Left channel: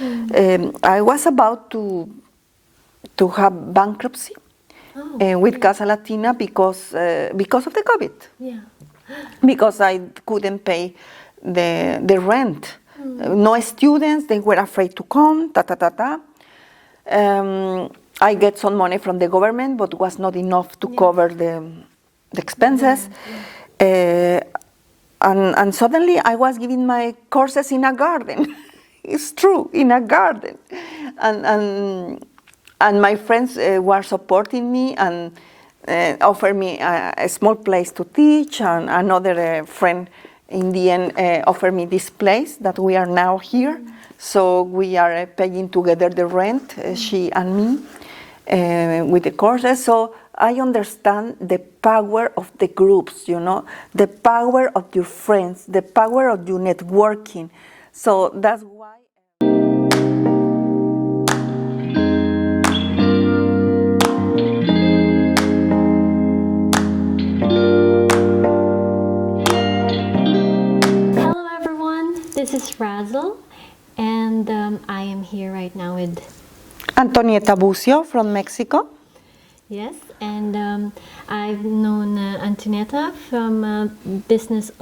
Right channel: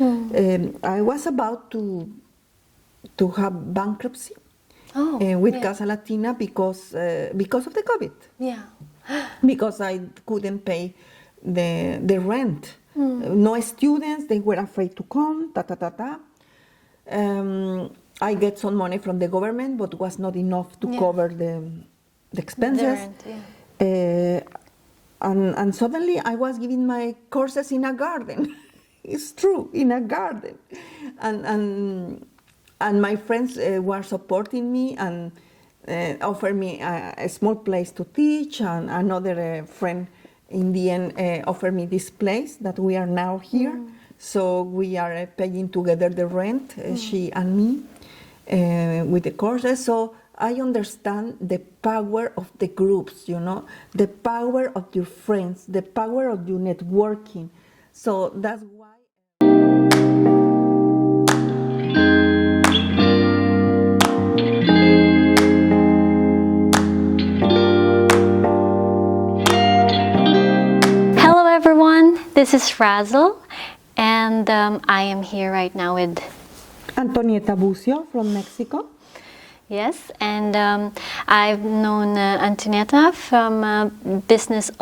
I was about to have bankruptcy with Casa Latina because of the COVID. Yeah. Because I couldn't pay the rent. No students, they were afraid to come, I get some money from the government, but was not enough to cover the expenses. And suddenly I was giving my courses in a garden. It's true, in a garden. And my friends were supporting me and offered me a small place to teach, and another friend in the end offered me this place that we are now here. So we are paying together the rent, she and me, with the courses. So I understand the power of the groups, the power of your friends, the power of your networking. So that's why. Hello everyone, this is Razzle, and I am here right now with Antonieta Khosh from Mexico. Yes, and I've known Antonieta from Business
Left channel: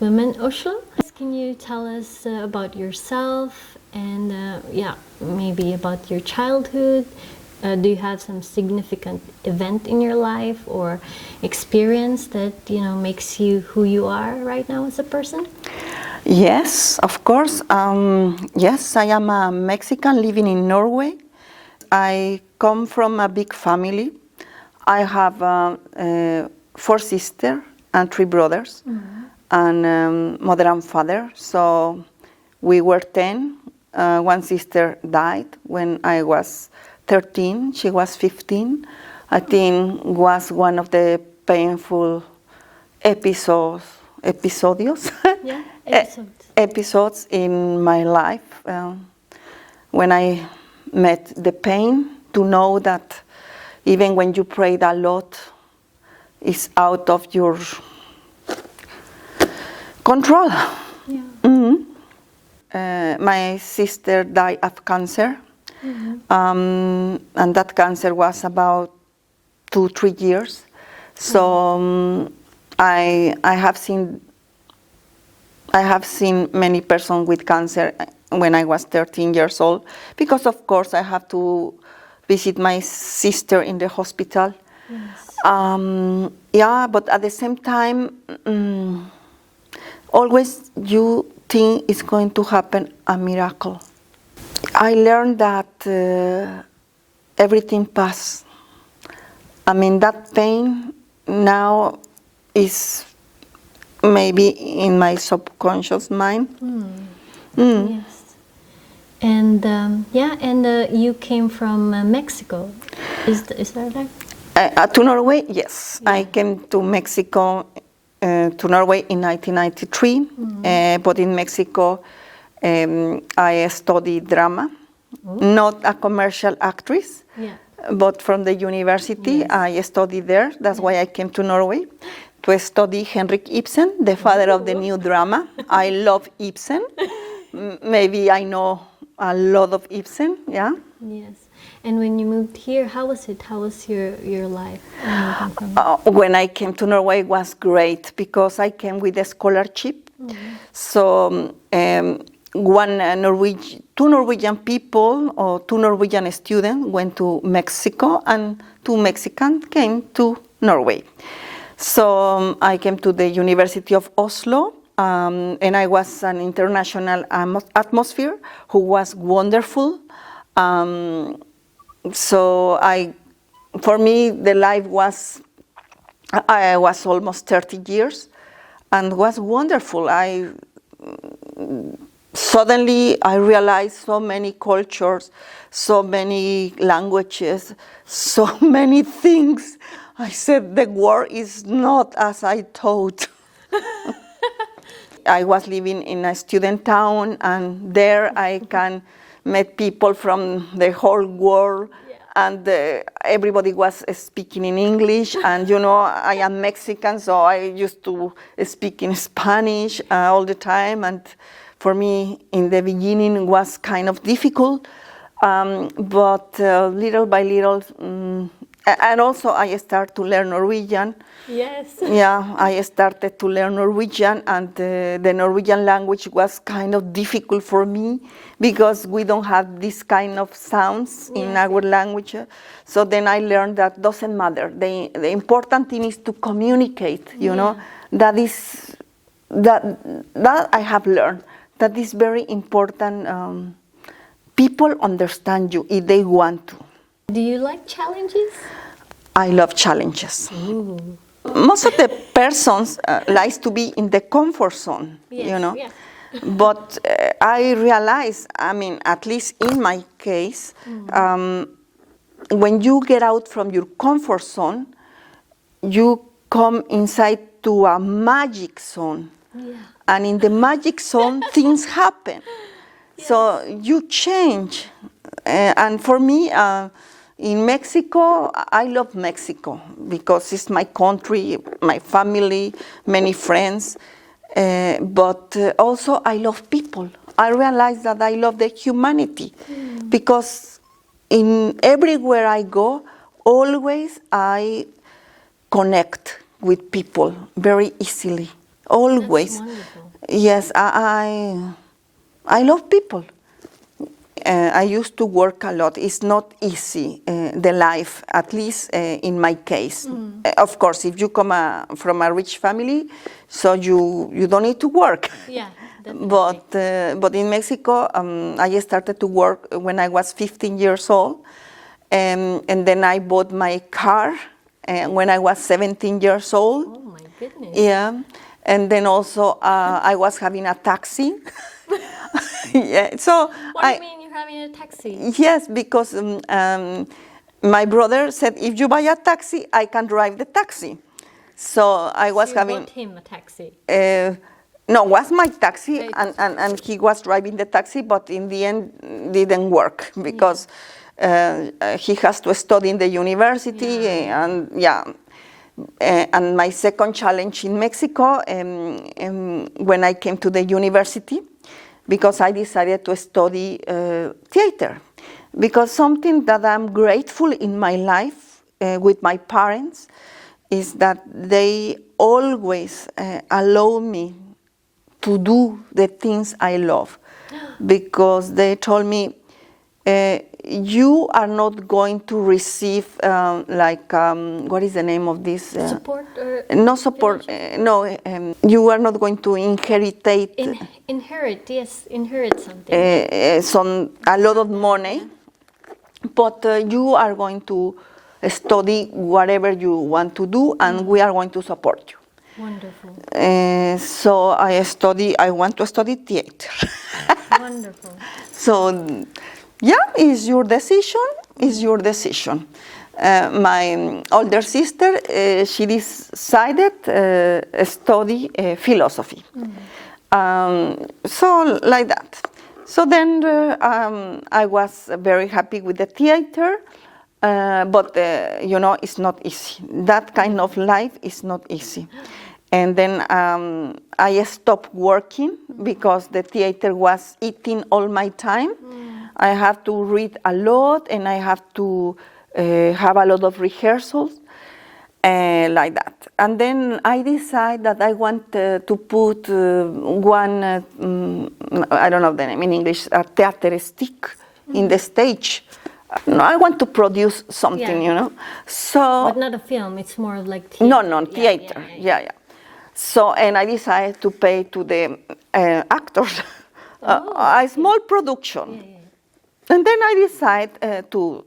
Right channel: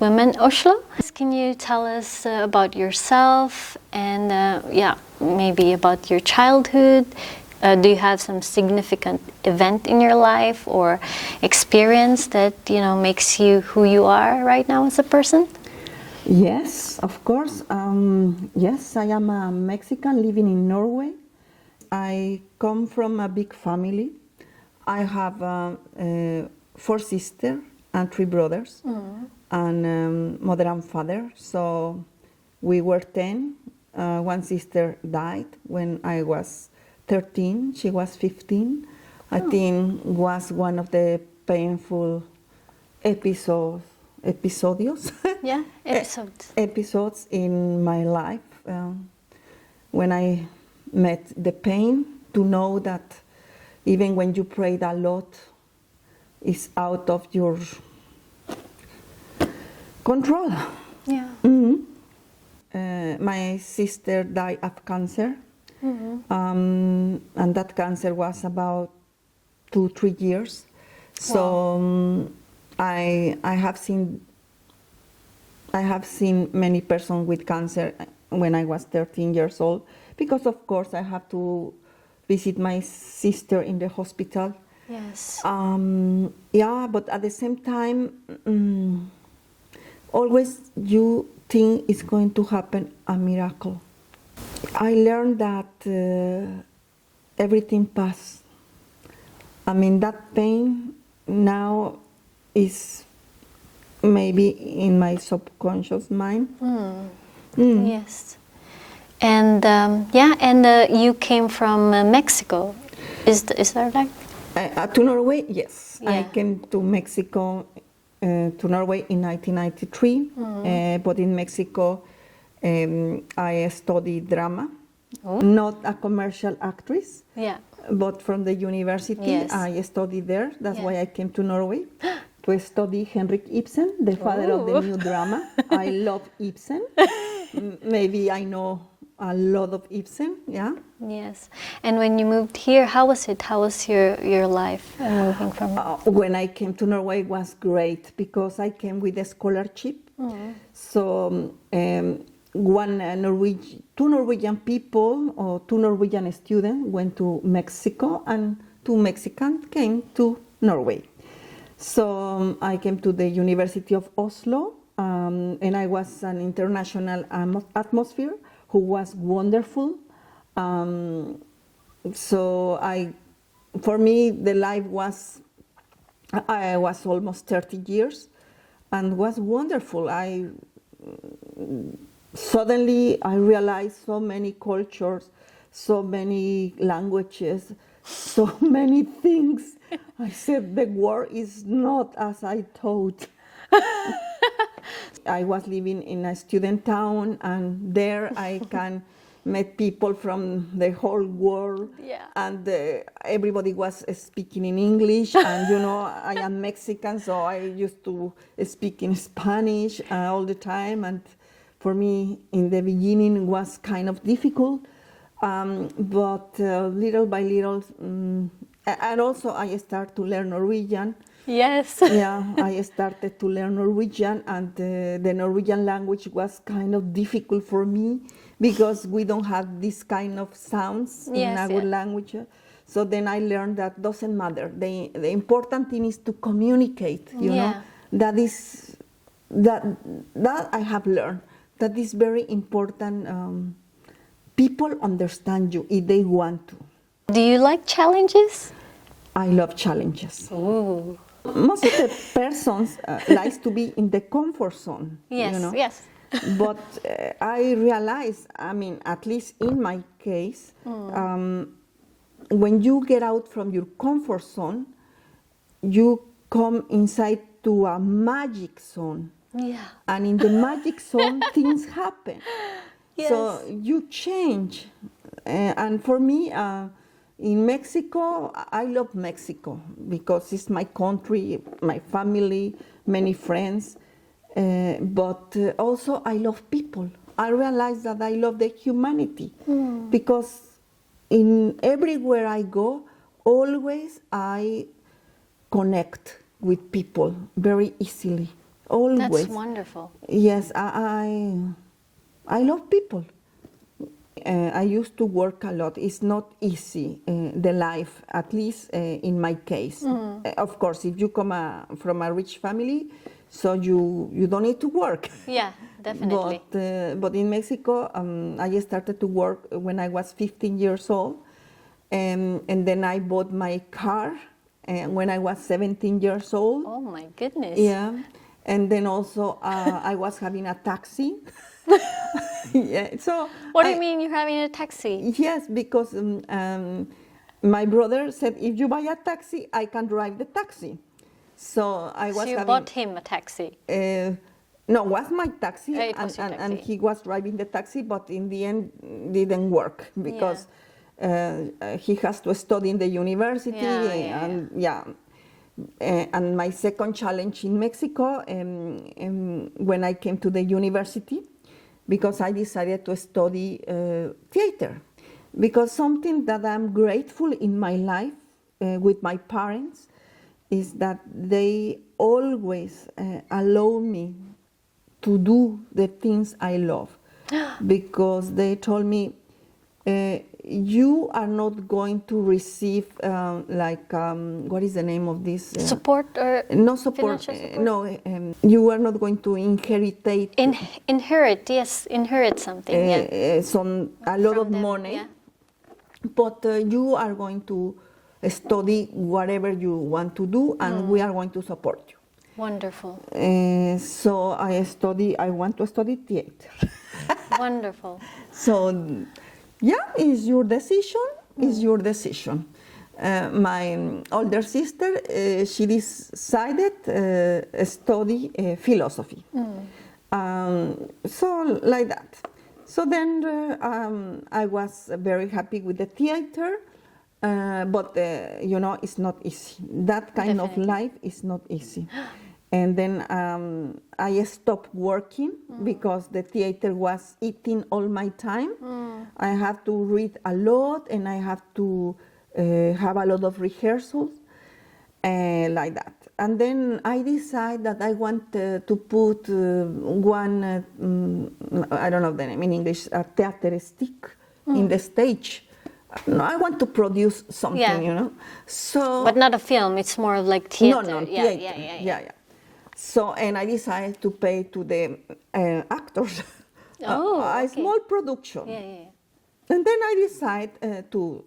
Women Oslo. Can you tell us about yourself and maybe about your childhood? Do you have some significant event in your life or experience that makes you who you are right now as a person? Yes, of course. Yes, I am a Mexican living in Norway. I come from a big family. I have 4 sisters and 3 brothers, and mother and father. So we were 10. One sister died when I was 13. She was 15. I think was one of the painful episodes in my life, when I met the pain, to know that even when you prayed a lot, it's out of your control. My sister died of cancer, and that cancer was about 2-3 years. So I have seen many persons with cancer when I was 13 years old, because of course I have to visit my sister in the hospital. Yes. But at the same time, always you think it's going to happen a miracle. I learned that everything passes. I mean, that pain now is maybe in my subconscious mind. Yes. And you came from Mexico. Is that right? To Norway, yes. Yeah. I came to Mexico, to Norway in 1993. But in Mexico, I studied drama. Not a commercial actress, but from the university. Yes. I studied there. That's why I came to Norway to study Henrik Ibsen, the father of the new drama. I love Ibsen. Maybe I know a lot of Ibsen, yeah. Yes. And when you moved here, how was it? How was your life moving from? When I came to Norway, it was great because I came with a scholarship. So two Norwegian people or 2 Norwegian students went to Mexico, and 2 Mexicans came to Norway. So I came to the University of Oslo, and I was an international atmosphere who was wonderful. So for me, the life I was almost 30 years, and was wonderful. Suddenly I realized so many cultures, so many languages, so many things. I said, the world is not as I thought. I was living in a student town, and there I can meet people from the whole world, and everybody was speaking in English, and I am Mexican, so I used to speak in Spanish all the time, and for me, in the beginning, was kind of difficult, but little by little, and also I started to learn Norwegian. Yes. Yeah, I started to learn Norwegian, and the Norwegian language was kind of difficult for me because we don't have this kind of sounds in our language. So then I learned that doesn't matter. The important thing is to communicate, you know. That is, that I have learned. That is very important. People understand you if they want to. Do you like challenges? I love challenges. Ooh. Most of the persons likes to be in the comfort zone, Yes, you know. yes. But I realize, I mean, at least in my case, when you get out from your comfort zone, you come inside to a magic zone. Yeah. And in the magic zone, things happen. Yes. So you change. And for me, in Mexico, I love Mexico because it's my country, my family, many friends. But also I love people. I realize that I love the humanity because in everywhere I go, always I connect with people very easily. Always. That's wonderful. Yes, I love people. I used to work a lot. It's not easy, the life, at least in my case. Of course, if you come from a rich family, so you don't need to work. Yeah, definitely. But in Mexico, I started to work when I was 15 years old. And then I bought my car when I was 17 years old. Oh, my goodness. Yeah. And then also I was having a taxi. Yeah. So what do you mean you're having a taxi? Yes, because my brother said, if you buy a taxi, I can drive the taxi. So I was you having. bought him a taxi? No, it was my taxi, It was your and he was driving the taxi, but in the end didn't work because he has to study in the university, and and my second challenge in Mexico, when I came to the university, because I decided to study theater, because something that I'm grateful in my life with my parents is that they always allow me to do the things I love, because they told me, you are not going to receive what is the name of this? Support or no support. You are not going to inherit. Inherit, yes, inherit something. A lot of money, but you are going to study whatever you want to do, and we are going to support you. Wonderful. So I want to study theater. Wonderful. So. Yeah, it's your decision. It's your decision. My older sister, she decided study philosophy. So like that. So then I was very happy with the theater, but it's not easy. That kind of life is not easy. And then I stopped working because the theater was eating all my time. I have to read a lot, and I have to have a lot of rehearsals, like that. And then I decided that I want to put one, I don't know the name in English, a theater stick in the stage. No, I want to produce something, So, but not a film. It's more like theater. No, theater. Yeah. So, and I decided to pay to the actors a small production. Yeah. And then I decided to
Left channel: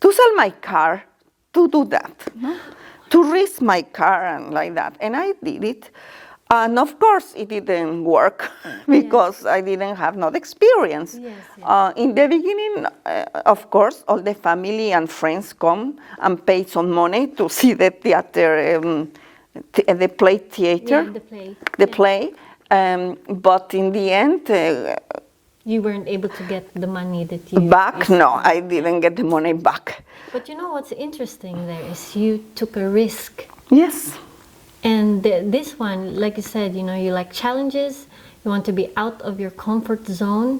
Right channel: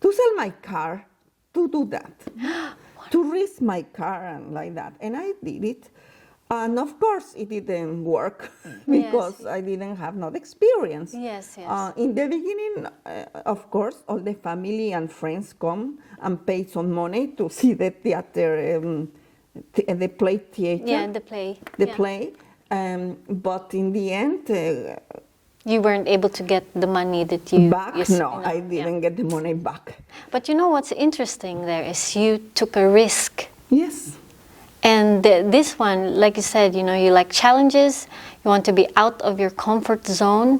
sell my car to do that, to risk my car and like that. And I did it. And of course, it didn't work because I didn't have no experience. Yes. In the beginning, of course, all the family and friends come and pay some money to see the theater, the play theater. Yeah, the play. The play. But in the end, you weren't able to get the money that you back? No, I didn't get the money back. But you know what's interesting there is you took a risk. Yes. And this one, like you said, you know, you like challenges, you want to be out of your comfort zone,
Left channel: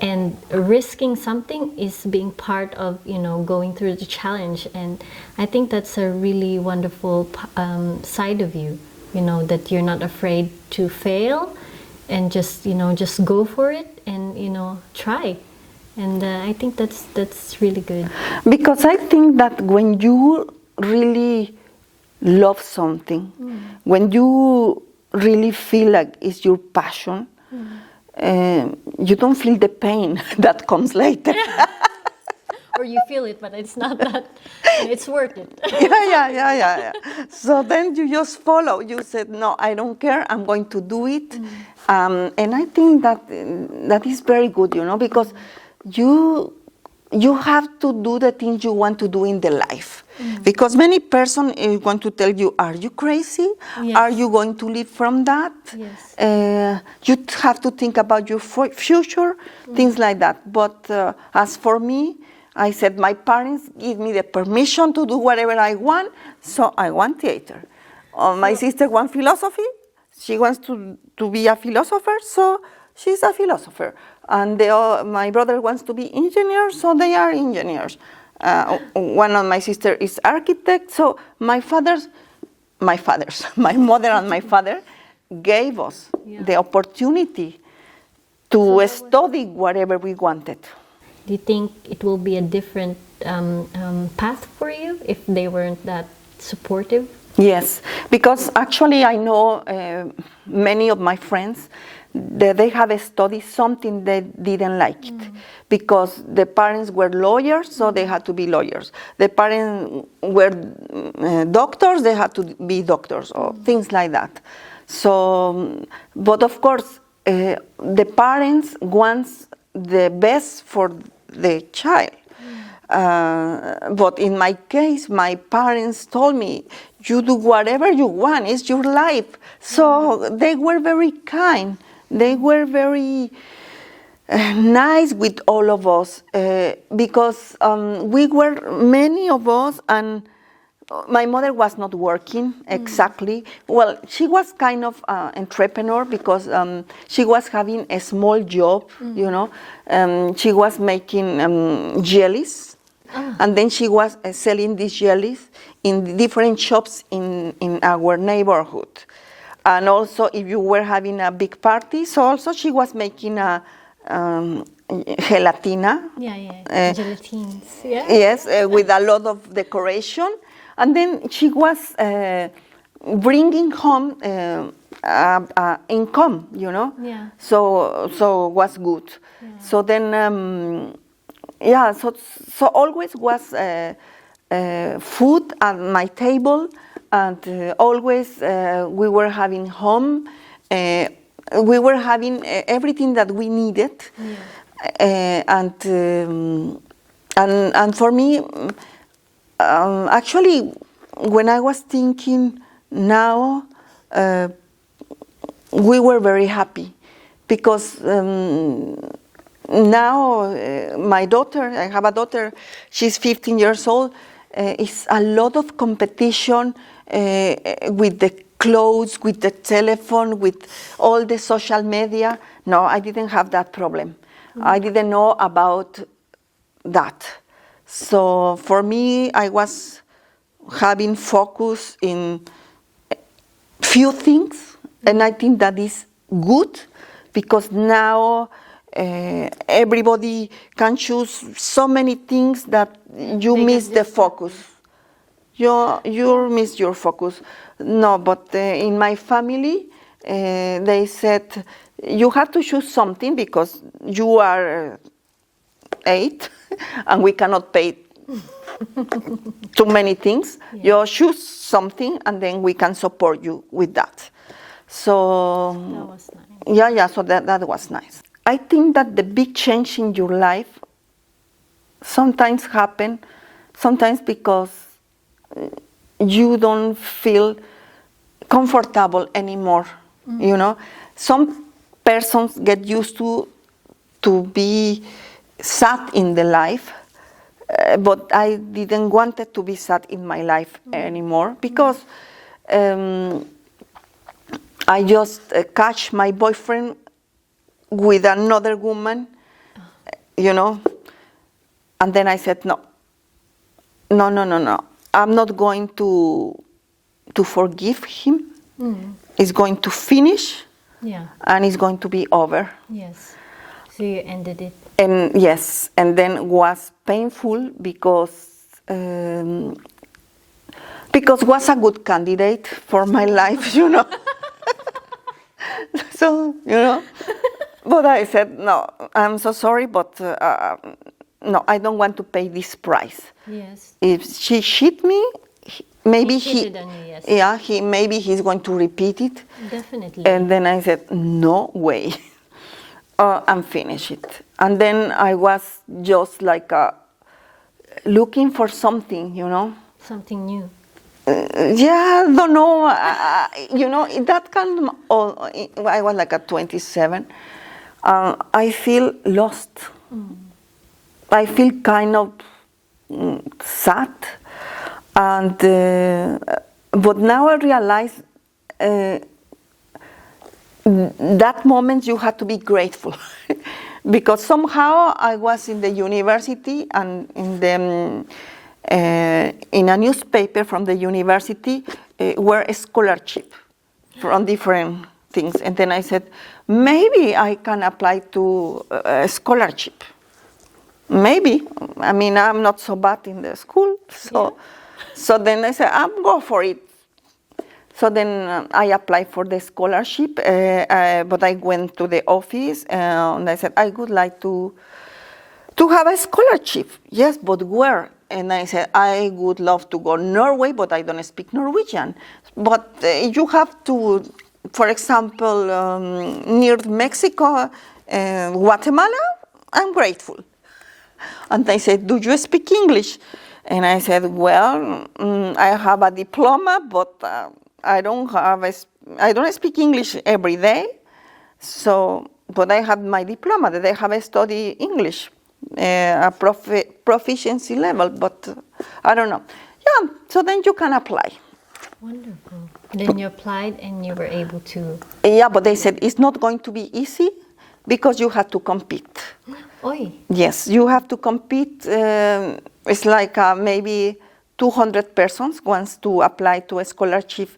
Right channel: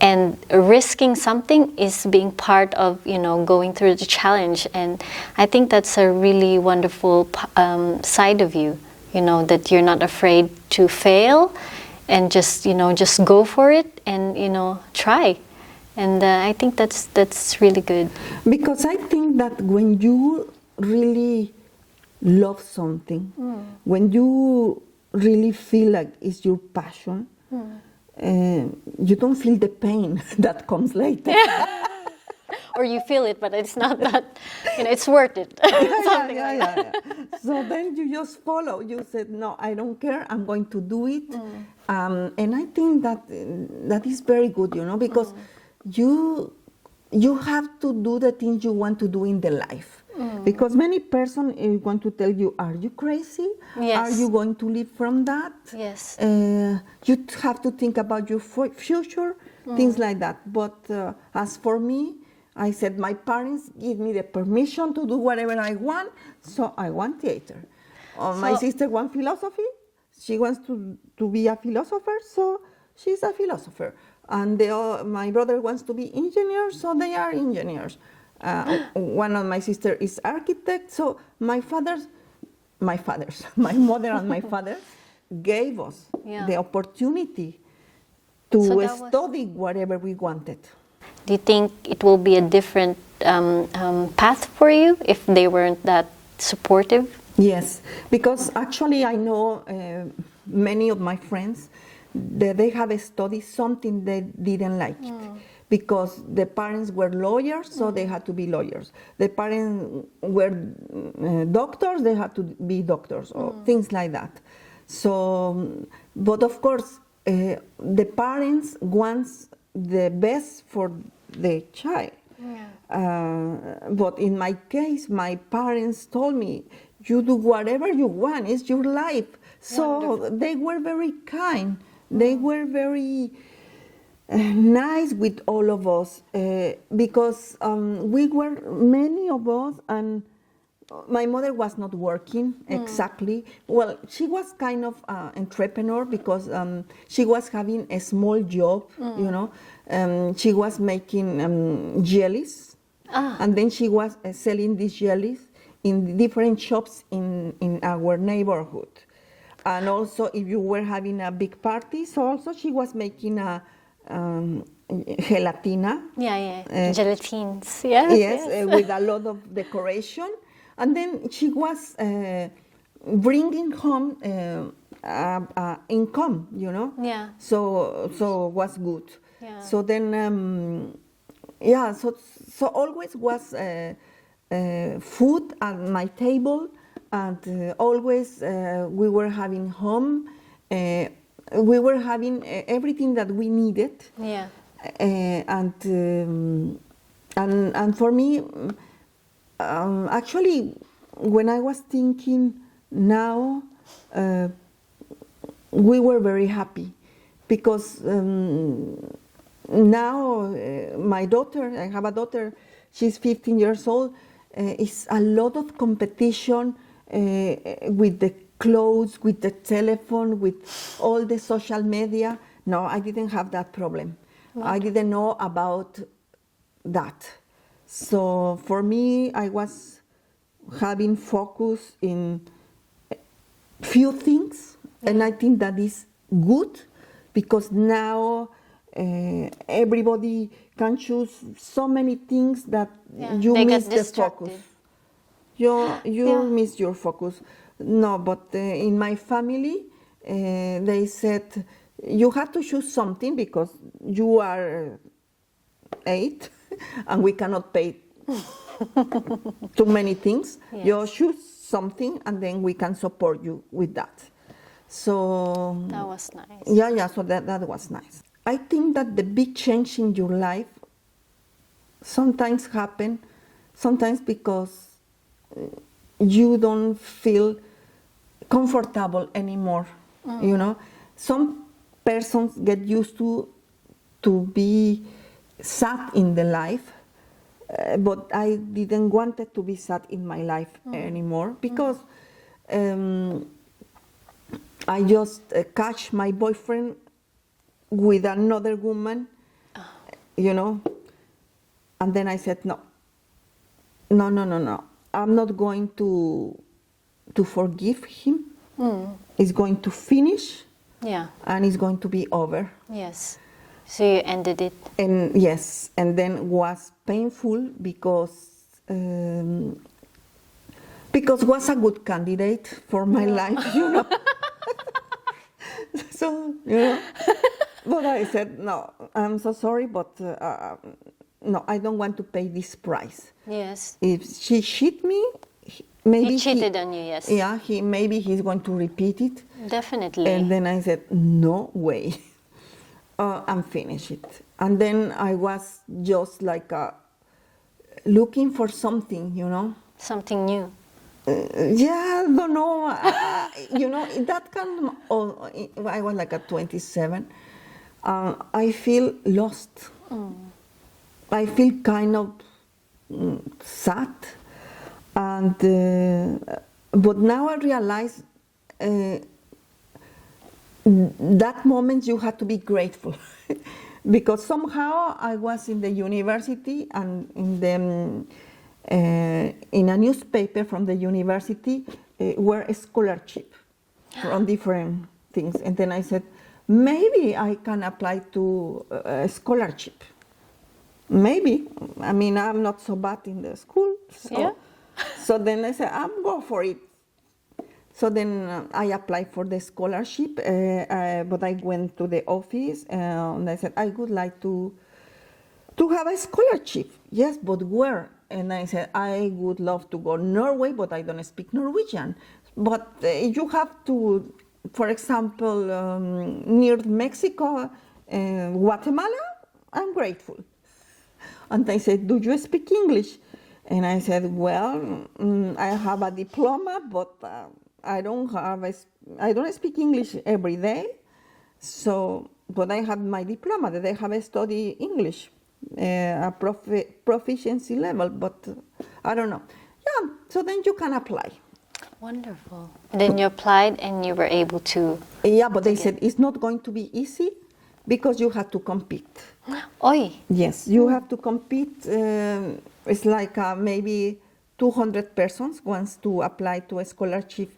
and risking something is being part of, you know, going through the challenge. And I think that's a really wonderful side of you, you know, that you're not afraid to fail and just, you know, just go for it and, you know, try. And I think that's really good. Because I think that when you really love something, when you really feel like it's your passion, you don't feel the pain that comes later. Or you feel it, but it's not that, and it's worth it. Yeah. So then you just follow. You said, no, I don't care, I'm going to do it. And I think that is very good, you know, because you have to do the things you want to do in the life. Because many persons are going to tell you, are you crazy? Yes. Are you going to live from that? Yes. You have to think about your future, things like that. But as for me, I said my parents give me the permission to do whatever I want, so I want theater. My sister wants philosophy. She wants to be a philosopher, so she's a philosopher. And my brother wants to be engineer, so they are engineers. One of my sister is architect. So my mother and my father gave us the opportunity to study whatever we wanted. Do you think it will be a different path for you if they weren't that supportive? Yes, because actually I know many of my friends that they have studied something they didn't like it. Because the parents were lawyers, so they had to be lawyers. The parents were doctors, they had to be doctors, or things like that. So, but of course, the parents want the best for the child. But in my case, my parents told me, you do whatever you want, it's your life. So they were very kind. They were very nice with all of us because we were many of us, and my mother was not working exactly. Well, she was kind of entrepreneur because she was having a small job, you know. She was making jellies, and then she was selling these jellies in different shops in our neighborhood. And also, if you were having a big party, so also she was making a gelatina. Gelatines. Yeah. Yes, with a lot of decoration. And then she was bringing home income, you know. Yeah. So was good. Yeah. So then, so always was food at my table, and always we were having home. We were having everything that we needed. Yeah. And for me, actually, when I was thinking now, we were very happy because now my daughter, I have a daughter, she's 15 years old, it's a lot of competition with the clothes, with the telephone, with all the social media. No, I didn't have that problem. I didn't know about that. So for me, I was having focus in few things, and I think that is good because now everybody can choose so many things that you miss the focus. You miss your focus. No, but in my family, they said, you have to choose something because you are 8 and we cannot pay too many things. You choose something and then we can support you with that. So that was nice. So that was nice. I think that the big change in your life sometimes happen, sometimes because you don't feel comfortable anymore. You know, some persons get used to be sad in the life, but I didn't want it to be sad in my life anymore because I just catch my boyfriend with another woman, you know. And then I said, no. I'm not going to forgive him. It's going to finish. Yeah. And it's going to be over. Yes. So you ended it. And yes, and then was painful because was a good candidate for my life, you know. So, you know, but I said, no, I'm so sorry, but no, I don't want to pay this price. Yes. If she cheated me, maybe he cheated on you, yes. Yeah, maybe he's going to repeat it. Definitely. And then I said, no way. I'm finished it. And then I was just like looking for something, you know. Something new. Yeah, don't know. You know, that kind of, I was like at 27. I feel lost. I feel kind of sad. And but now I realize that moment you have to be grateful because somehow I was in the university and in a newspaper from the university were a scholarship from different things, and then I said maybe I can apply to a scholarship. Maybe, I mean, I'm not so bad in the school, so then I said I'm go for it. So then I applied for the scholarship, but I went to the office and I said, I would like to have a scholarship. Yes, but where? And I said, I would love to go Norway, but I don't speak Norwegian. But you have to, for example, near Mexico, Guatemala, I'm grateful. And they said, do you speak English? And I said, well, I have a diploma, but I don't speak English every day. So, but I have my diploma that I have studied English, a proficiency level, but I don't know. Yeah, so then you can apply. Wonderful. Then you applied and you were able to. Yeah, but they said it's not going to be easy because you have to compete. Oy. Yes, you have to compete. It's like maybe 200 persons wants to apply to a scholarship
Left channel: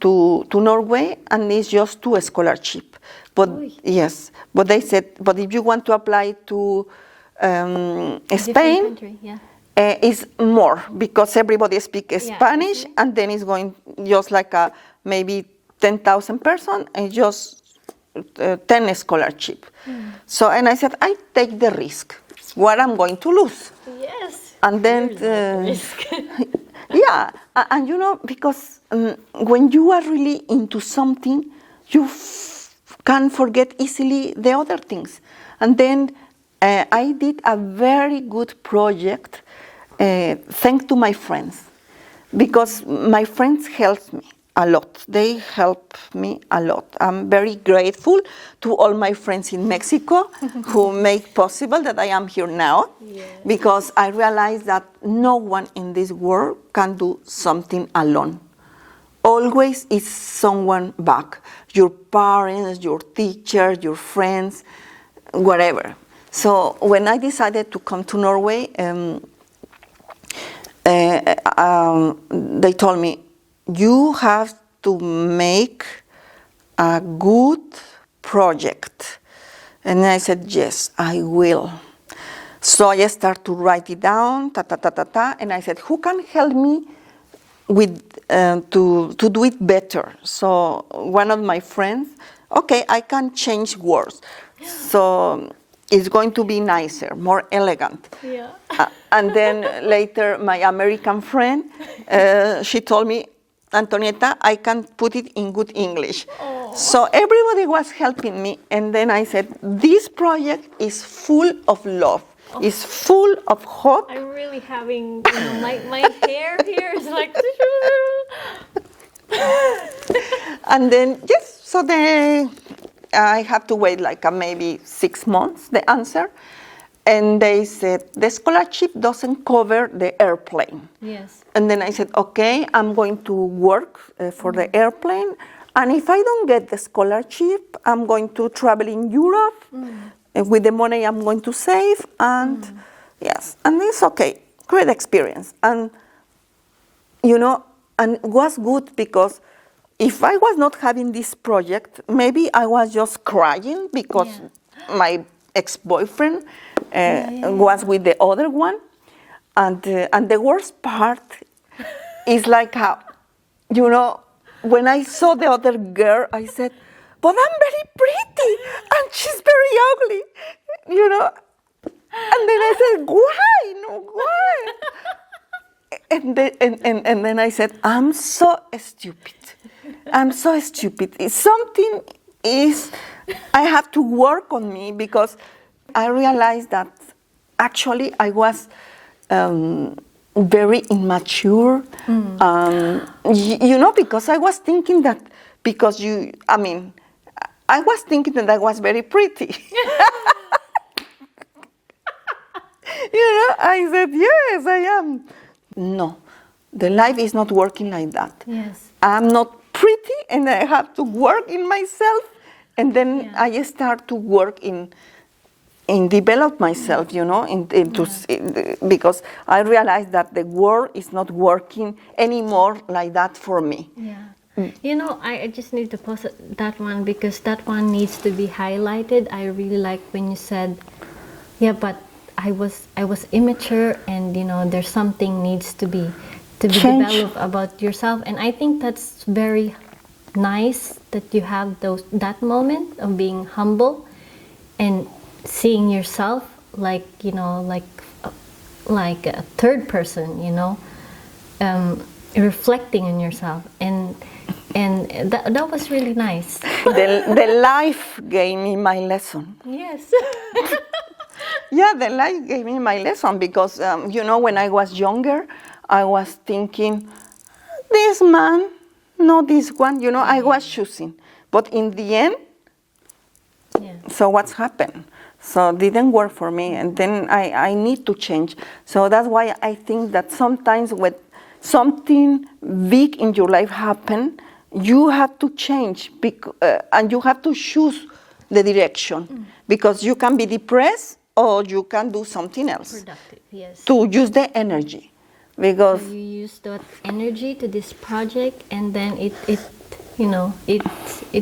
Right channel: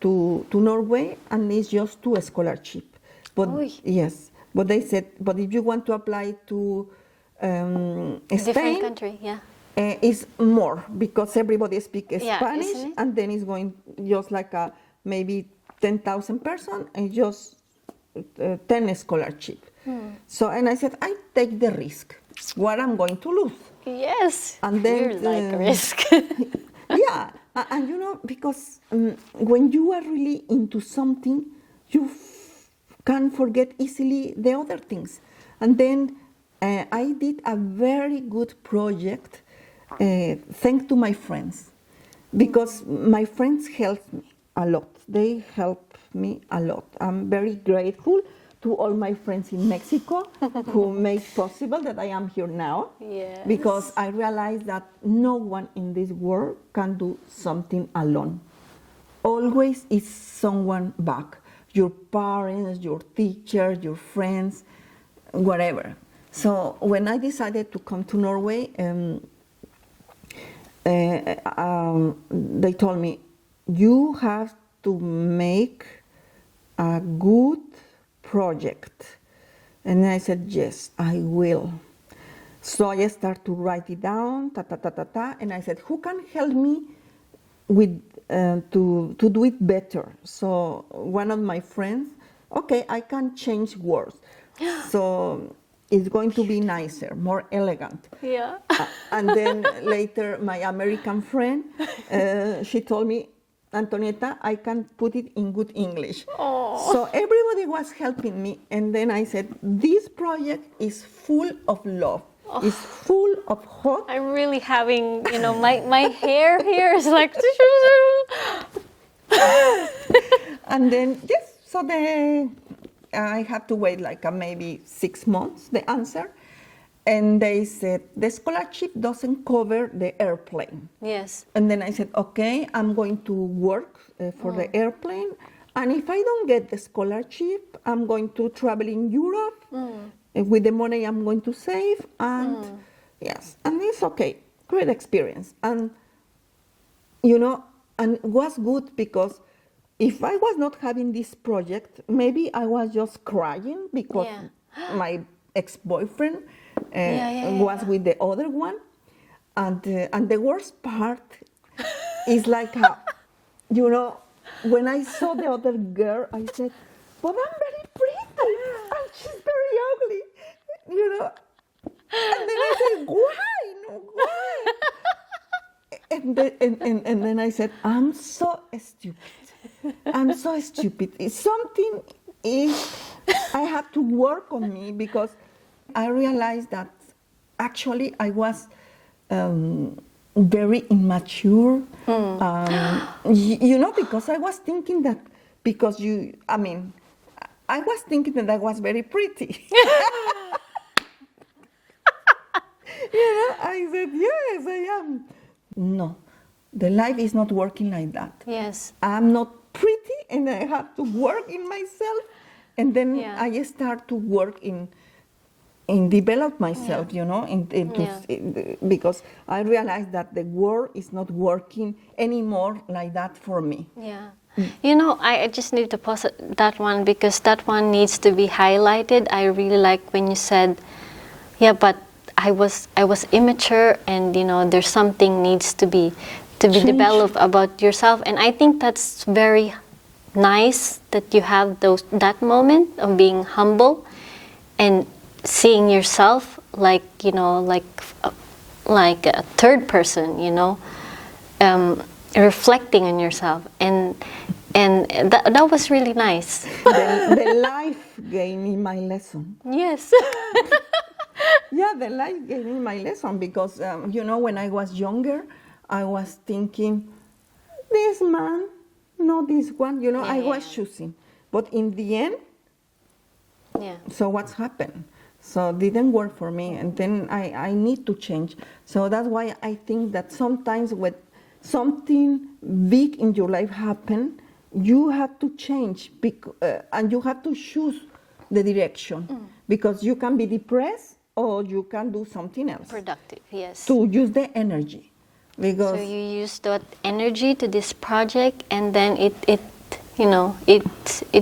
to Norway, and it's just 2 scholarships. But yes, but they said, but if you want to apply to Spain, country, yeah. It's more because everybody speaks Spanish, and then it's going just like maybe 10,000 persons and just 10 scholarship. So, and I said, I take the risk. What I'm going to lose. Yes. And then like risk. Yeah, and you know, because when you are really into something, you can forget easily the other things. And then I did a very good project thanks to my friends, because my friends helped me a lot. They helped me a lot. I'm very grateful to all my friends in Mexico who make possible that I am here now, because I realized that no one in this world can do something alone. Always is someone back, your parents, your teachers, your friends, whatever. So when I decided to come to Norway, they told me, you have to make a good project. And I said, yes, I will. So I started to write it down, and I said, who can help me with to do it better? So one of my friends, okay, I can change words. So it's going to be nicer, more elegant. Yeah. And then later, my American friend, she told me, Antonieta, I can put it in good English. Oh. So everybody was helping me. And then I said, this project is full of love. Oh. It's full of hope. I'm really having, you know, my hair here is like... And then, yes, so I have to wait like maybe 6 months, the answer. And they said, the scholarship doesn't cover the airplane. Yes. And then I said, okay, I'm going to work for the airplane. And if I don't get the scholarship, I'm going to travel in Europe with the money I'm going to save. And yes, and it's okay. Great experience. And, and it was good because if I was not having this project, maybe I was just crying because my ex-boyfriend was with the other one. And the worst part is like, when I saw the other girl, I said, but I'm very pretty and she's very ugly, And then I said, why? No, why? And then I said, I'm so stupid. I'm so stupid. Something is, I have to work on me because I realized that actually I was very immature. Because I was thinking that, I was thinking that I was very pretty. I said, yes, I am. No, the life is not working like that. Yes. I'm not pretty and I have to work in myself. And then I start to work in develop myself, because I realized that the world is not working anymore like that for me. Yeah. I just need to pause that one because that one needs to be highlighted. I really like when you said, but I was immature and there's something needs to be developed about yourself, and I think that's very nice that you have that moment of being humble and seeing yourself like a third person, reflecting on yourself, and that was really nice. The life gave me my lesson. Yes. Yeah, the life gave me my lesson because, when I was younger, I was thinking, this man, no this one, I was choosing. But in the end, so what's happened? So it didn't work for me, and then I need to change. So that's why I think that sometimes when something big in your life happen, you have to change, and you have to choose the direction, because you can be depressed or you can do something else. Productive, yes. To use the energy, because so you used that energy to this project, and then it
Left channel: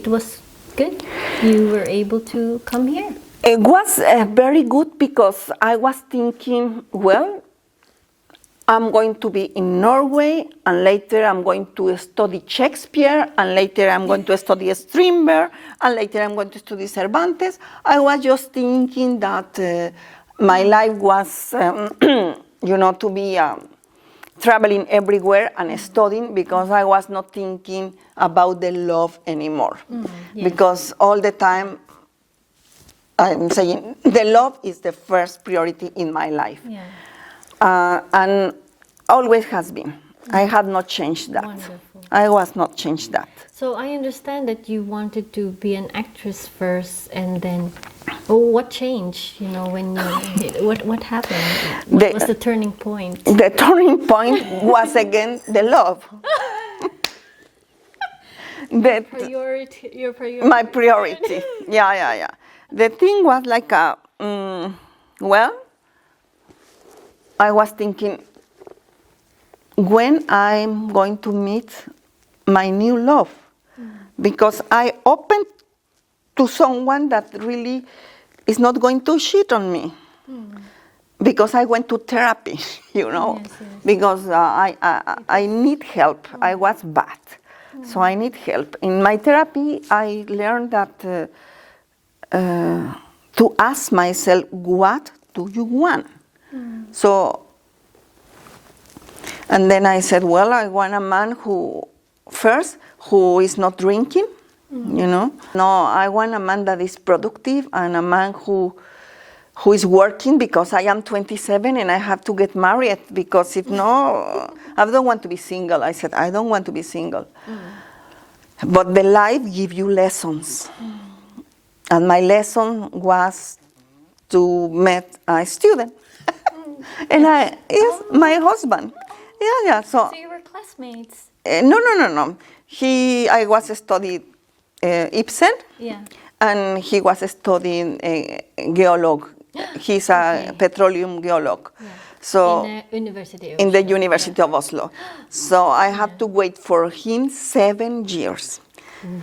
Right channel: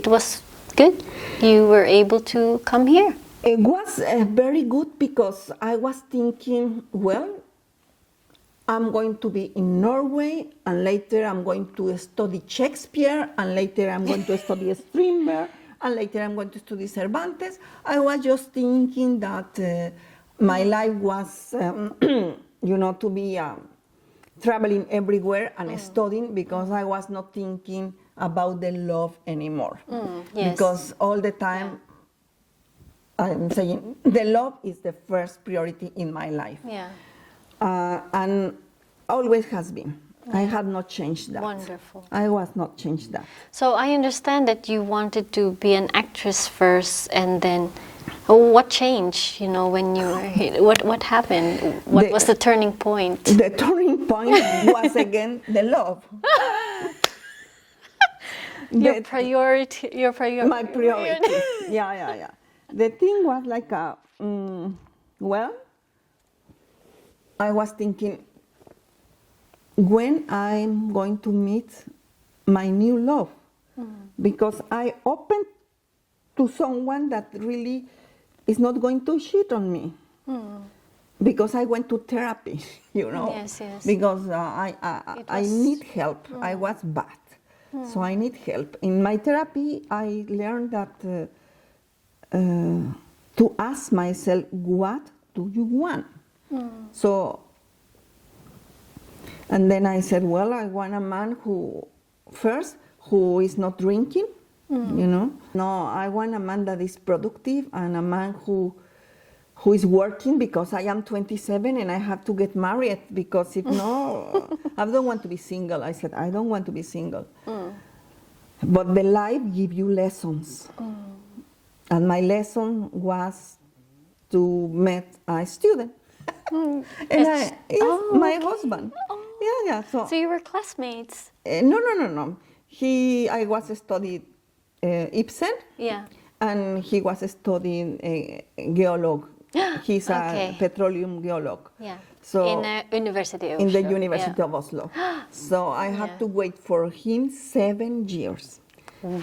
was good. You were able to come here. It was very good because I was thinking, well, I'm going to be in Norway, and later I'm going to study Shakespeare, and later I'm going to study Strindberg, and later I'm going to study Cervantes. I was just thinking that my life was, to be traveling everywhere and studying, because I was not thinking about the love anymore. Yes. Because all the time, I'm saying the love is the first priority in my life. Yeah. And always has been. I had not changed that. Wonderful. I was not changed that. So I understand that you wanted to be an actress first, and then what changed? When you what happened? What was the turning point? The turning point was again the love. Your priority. My priority. Yeah. The thing was like I was thinking, when I'm going to meet my new love, because I opened to someone that really is not going to cheat on me, because I went to therapy, Yes. because I need help. I was bad, so I need help. In my therapy, I learned that to ask myself, what do you want? So, and then I said, well, I want a man who is not drinking, No, I want a man that is productive, and a man who is working, because I am 27 and I have to get married, because if no, I don't want to be single. I said, I don't want to be single. But the life gives you lessons. And my lesson was to meet a student. And my husband. Yeah. So you were classmates? No. I was studying Ibsen, Yeah. and he was studying geolog. He's a Okay. petroleum geolog. Yeah. So in the University of in the Oslo. University of Oslo. So I have to wait for him 7 years.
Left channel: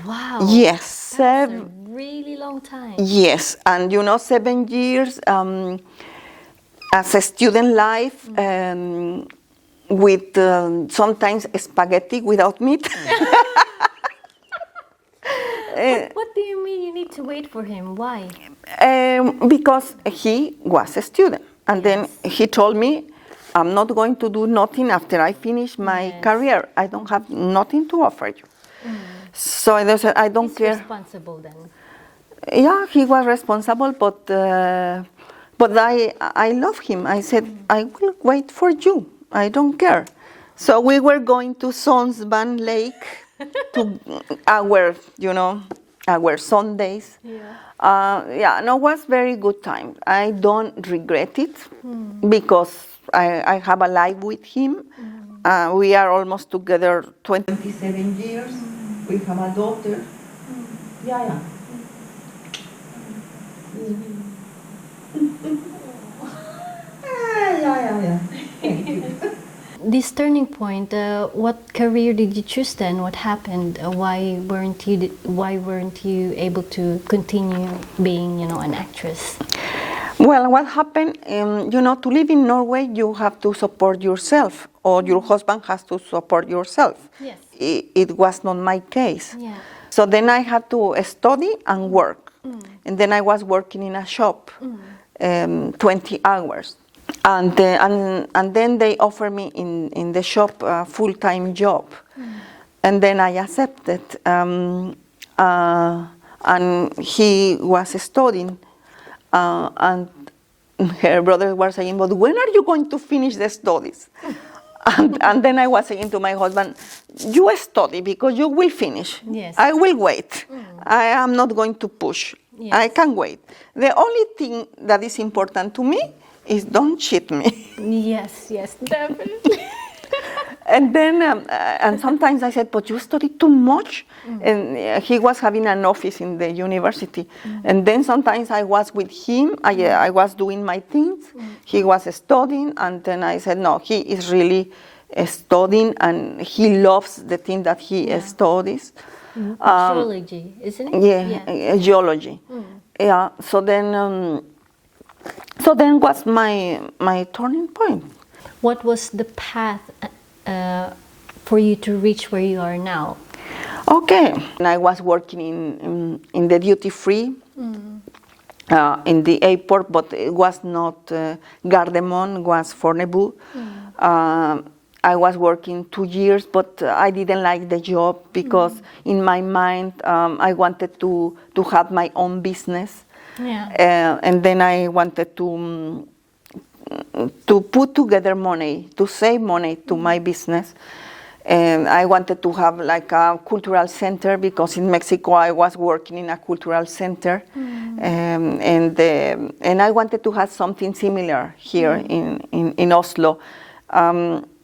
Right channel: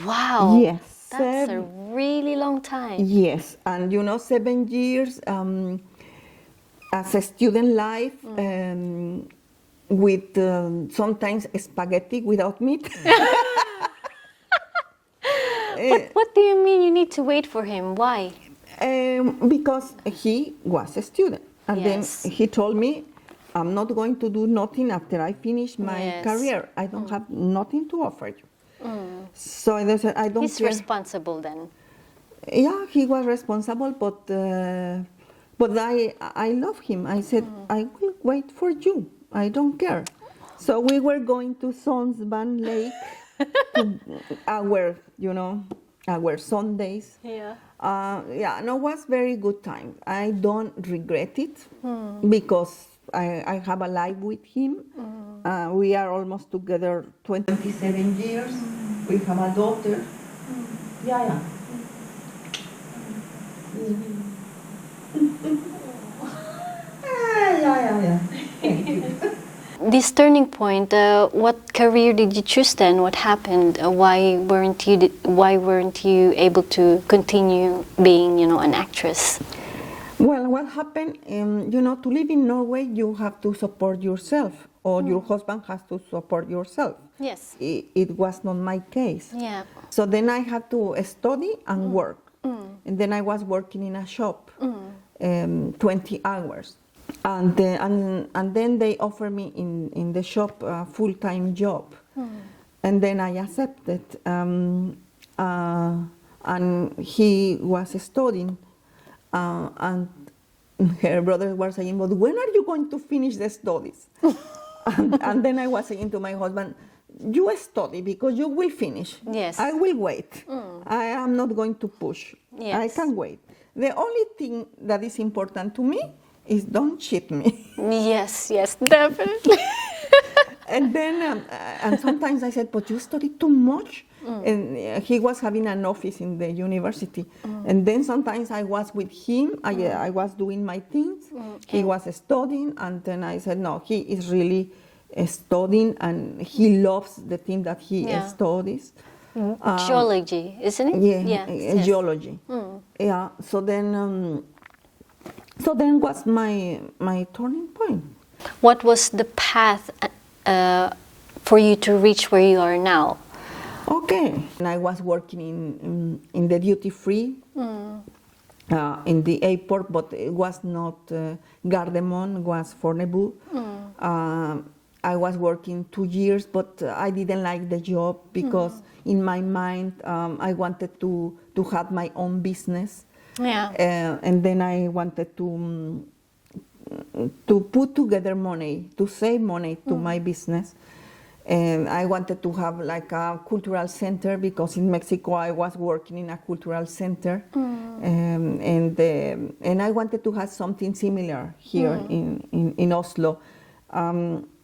Wow. Yes, That's a really long time. Yes, and 7 years as a student life with sometimes spaghetti without meat. What do you mean you need to wait for him? Why? Because he was a student. And Yes. then he told me, I'm not going to do nothing after I finish my Yes. career. I don't have nothing to offer you. So I said, I don't He's care. responsible then. Yeah, he was responsible, but I love him. I said, I will wait for you. I don't care. So we were going to Sonsban Lake to our Sundays. Yeah. No, it was very good time. I don't regret it because I have a life with him. We are almost together 27 years. We have a daughter. Yeah. Yeah. Thank you. This turning point, what career did you choose then? What happened? Why weren't you able to continue being, an actress? Well, what happened, to live in Norway, you have to support yourself, or your husband has to support yourself. Yes. It was not my case. Yeah. So then I had to study and work. And then I was working in a shop, 20 hours. And then they offered me in the shop a full-time job. And then I accepted. And he was studying. And her brother was saying, but when are you going to finish the studies? and then I was saying to my husband, you study because you will finish. Yes. I will wait. I am not going to push. Yes. I can wait. The only thing that is important to me is don't cheat me. Yes, definitely. And then, and sometimes I said, but you study too much. And he was having an office in the university. And then sometimes I was with him, I was doing my things. He was studying, and then I said, no, he is really studying, and he loves the thing that he studies. Geology, isn't it? Geology. Yeah, so then was my turning point. What was the path for you to reach where you are now? Okay, and I was working in the duty free in the airport, but it was not Gardermoen, it was Fornebu. I was working 2 years, but I didn't like the job because in my mind I wanted to have my own business. Yeah. And then I wanted to put together money, to save money to my business. And I wanted to have like a cultural center because in Mexico I was working in a cultural center. And I wanted to have something similar here in Oslo.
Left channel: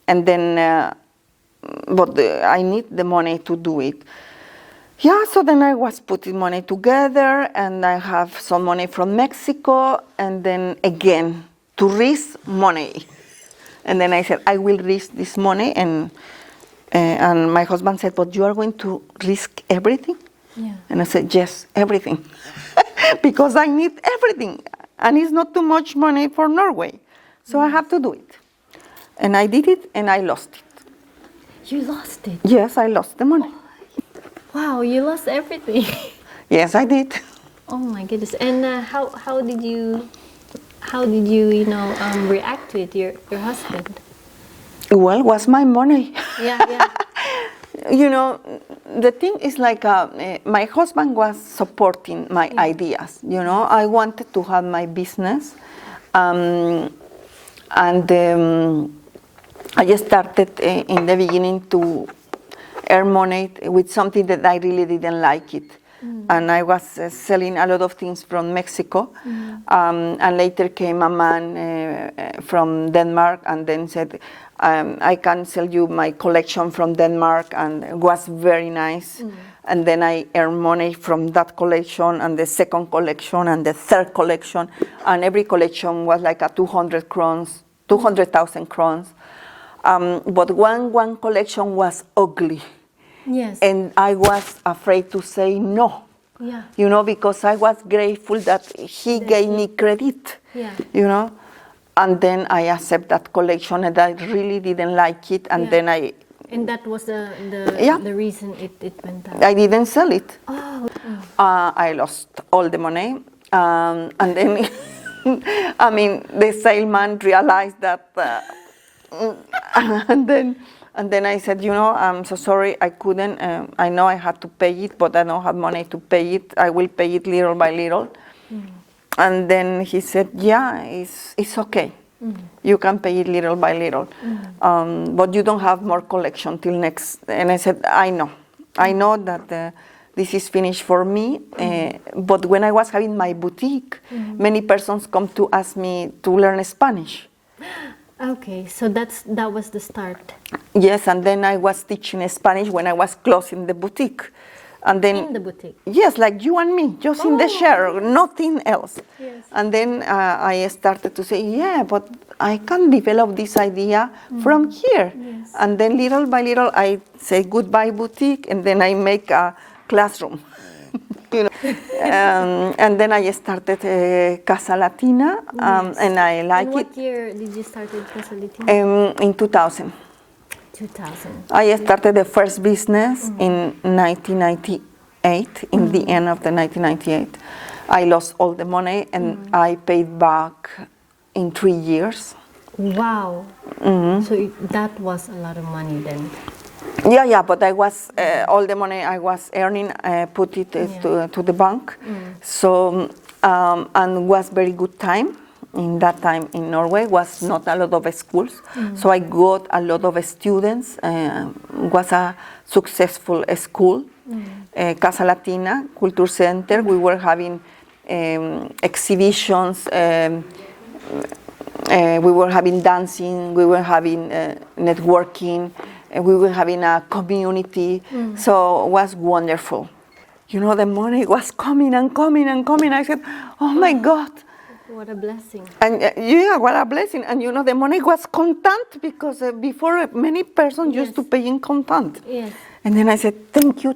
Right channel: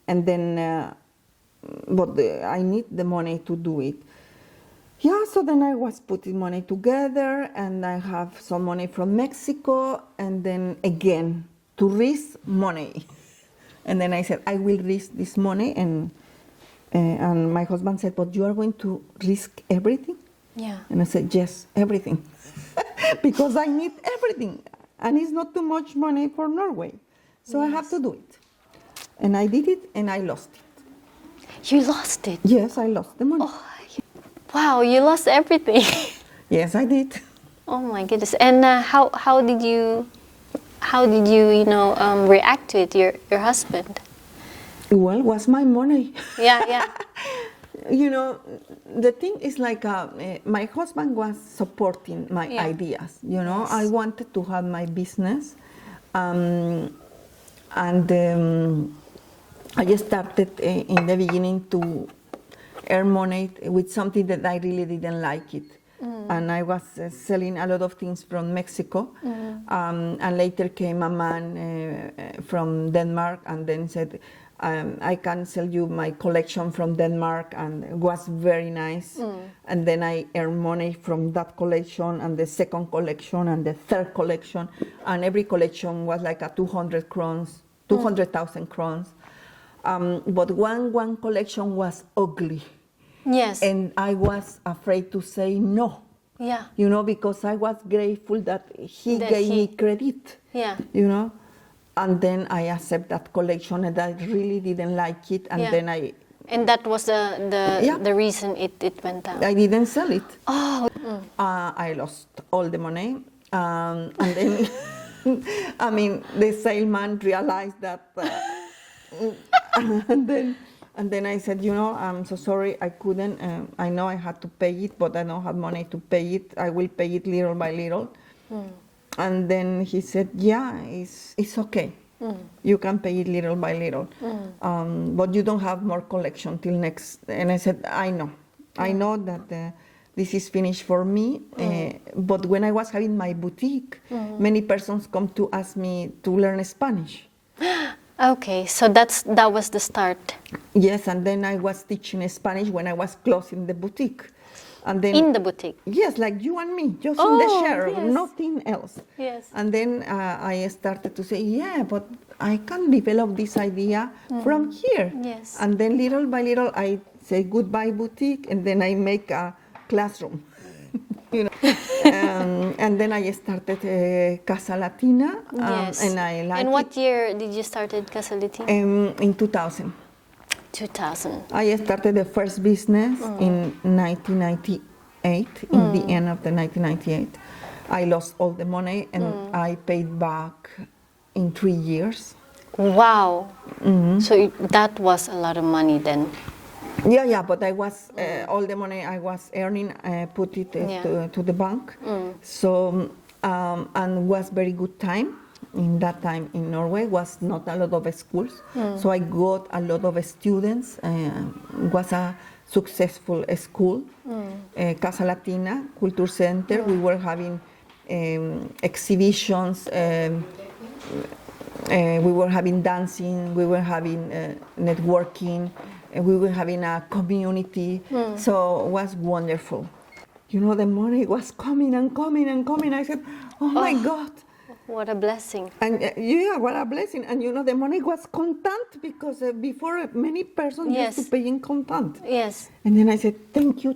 And then, but I need the money to do it. Yeah, so then I was putting money together, and I have some money from Mexico, and then again, to risk money. And then I said, I will risk this money, and my husband said, but you are going to risk everything? Yeah. And I said, yes, everything. Because I need everything, and it's not too much money for Norway. So I have to do it. And I did it, and I lost it. You lost it? Yes, I lost the money. Oh, wow, you lost everything. Yes, I did. Oh my goodness! And how did you react to it, your husband? Well, it was my money. Yeah. The thing is like my husband was supporting my ideas. I wanted to have my business, and I just started in the beginning to earn money with something that I really didn't like it. and I was selling a lot of things from Mexico. And later came a man from Denmark and then said, I can sell you my collection from Denmark, and it was very nice. And then I earned money from that collection and the second collection and the third collection, and every collection was like a 200,000 crowns. But one collection was ugly. Yes. And I was afraid to say no. Yeah. You know, because I was grateful that he gave me credit. Yeah. You know, and then I accept that collection, and I really didn't like it, and then I. And that was the reason it went down. I didn't sell it. Oh. I lost all the money, and then, I mean, the salesman realized that, and then I said, you know, I'm so sorry, I couldn't. I know I had to pay it, but I don't have money to pay it. I will pay it little by little. And then he said, yeah, it's okay. You can pay it little by little. But you don't have more collection till next. And I said, I know that this is finished for me. But when I was having my boutique, many persons come to ask me to learn Spanish. Okay, so that was the start. Yes, and then I was teaching Spanish when I was closing the boutique. And then, in the boutique? Yes, like you and me, just in the chair, nothing else. Yes. And then I started to say, yeah, but I can develop this idea from here. Yes. And then little by little, I say goodbye boutique, and then I make a classroom. You know? And then I started Casa Latina, and I like it. And what year did you start Casa Latina? In 2000. 2000. I started the first business in 1998, in the end of the 1998. I lost all the money, and I paid back in 3 years. Wow. So that was a lot of money then. Yeah, but I was, all the money I was earning, put it to the bank. So, and was very good time. In that time in Norway was not a lot of schools, so I got a lot of students. Was a successful school, Casa Latina Culture Center. We were having exhibitions, we were having dancing, we were having networking, we were having a community. So it was wonderful. You know, the money was coming and coming and coming. I said, oh my God. What a blessing. And yeah, what a blessing. And you know, the money was contant, because before many persons used to pay in contant. Yes. And then I said, thank you.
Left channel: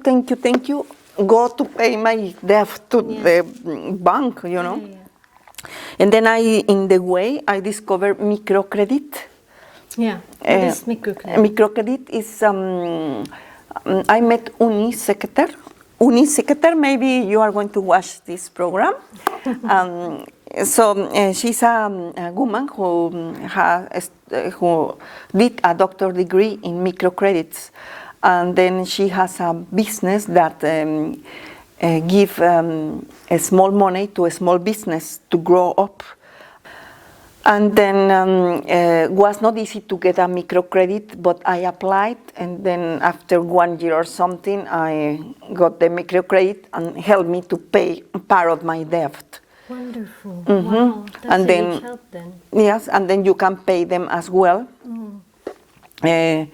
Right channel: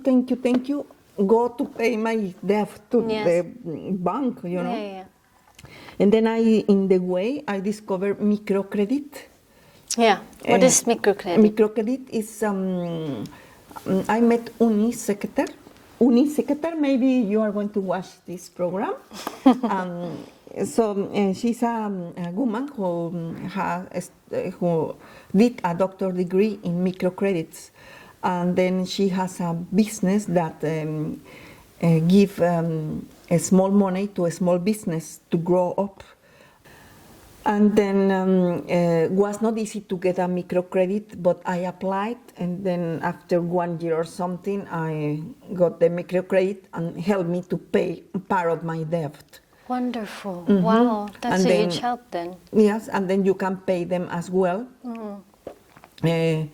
Go to pay my debt to the bank, you know. Yeah. And then in the way, I discovered microcredit. Yeah. What is microcredit? Microcredit is, I met Secretary, maybe you are going to watch this program. So she's a woman who did a doctor degree in microcredits, and then she has a business that give a small money to a small business to grow up. And then was not easy to get a microcredit, but I applied, and then after 1 year or something, I got the microcredit and helped me to pay part of my debt. Wonderful. Wow, that's a huge help then. Yes, and then you can pay them as well. It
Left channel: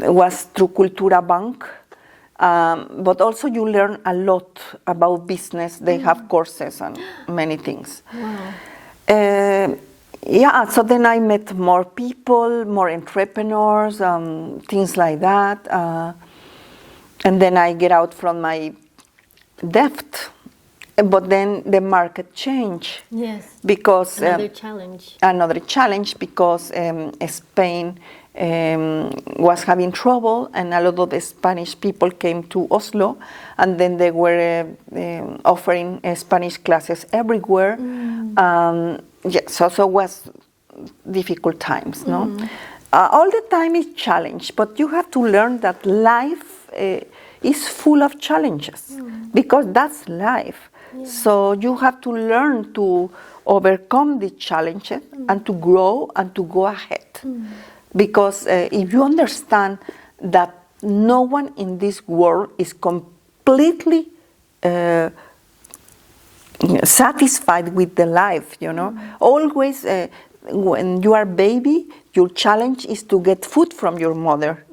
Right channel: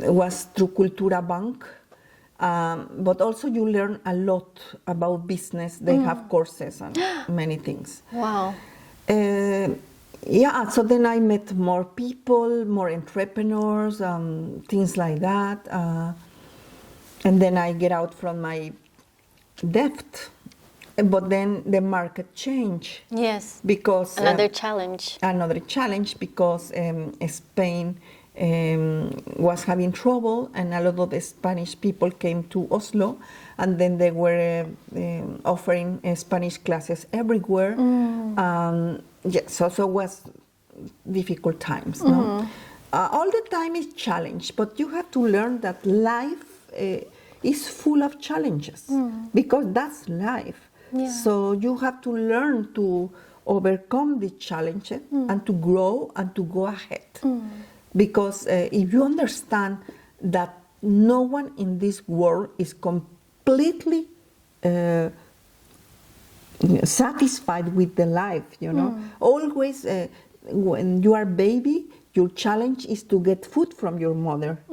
was through Cultura Bank, but also you learn a lot about business. They have courses and many things. Wow. Yeah, so then I met more people, more entrepreneurs, things like that. And then I get out from my debt. But then the market changed. Yes. Because another challenge. Another challenge, because Spain was having trouble, and a lot of the Spanish people came to Oslo, and then they were offering Spanish classes everywhere. So it was difficult times, no? All the time is challenge, but you have to learn that life is full of challenges, because that's life. Yeah. So you have to learn to overcome the challenges and to grow and to go ahead. Because if you understand that no one in this world is completely satisfied with the life, you know. Always, when you are baby, your challenge is to get food from your mother.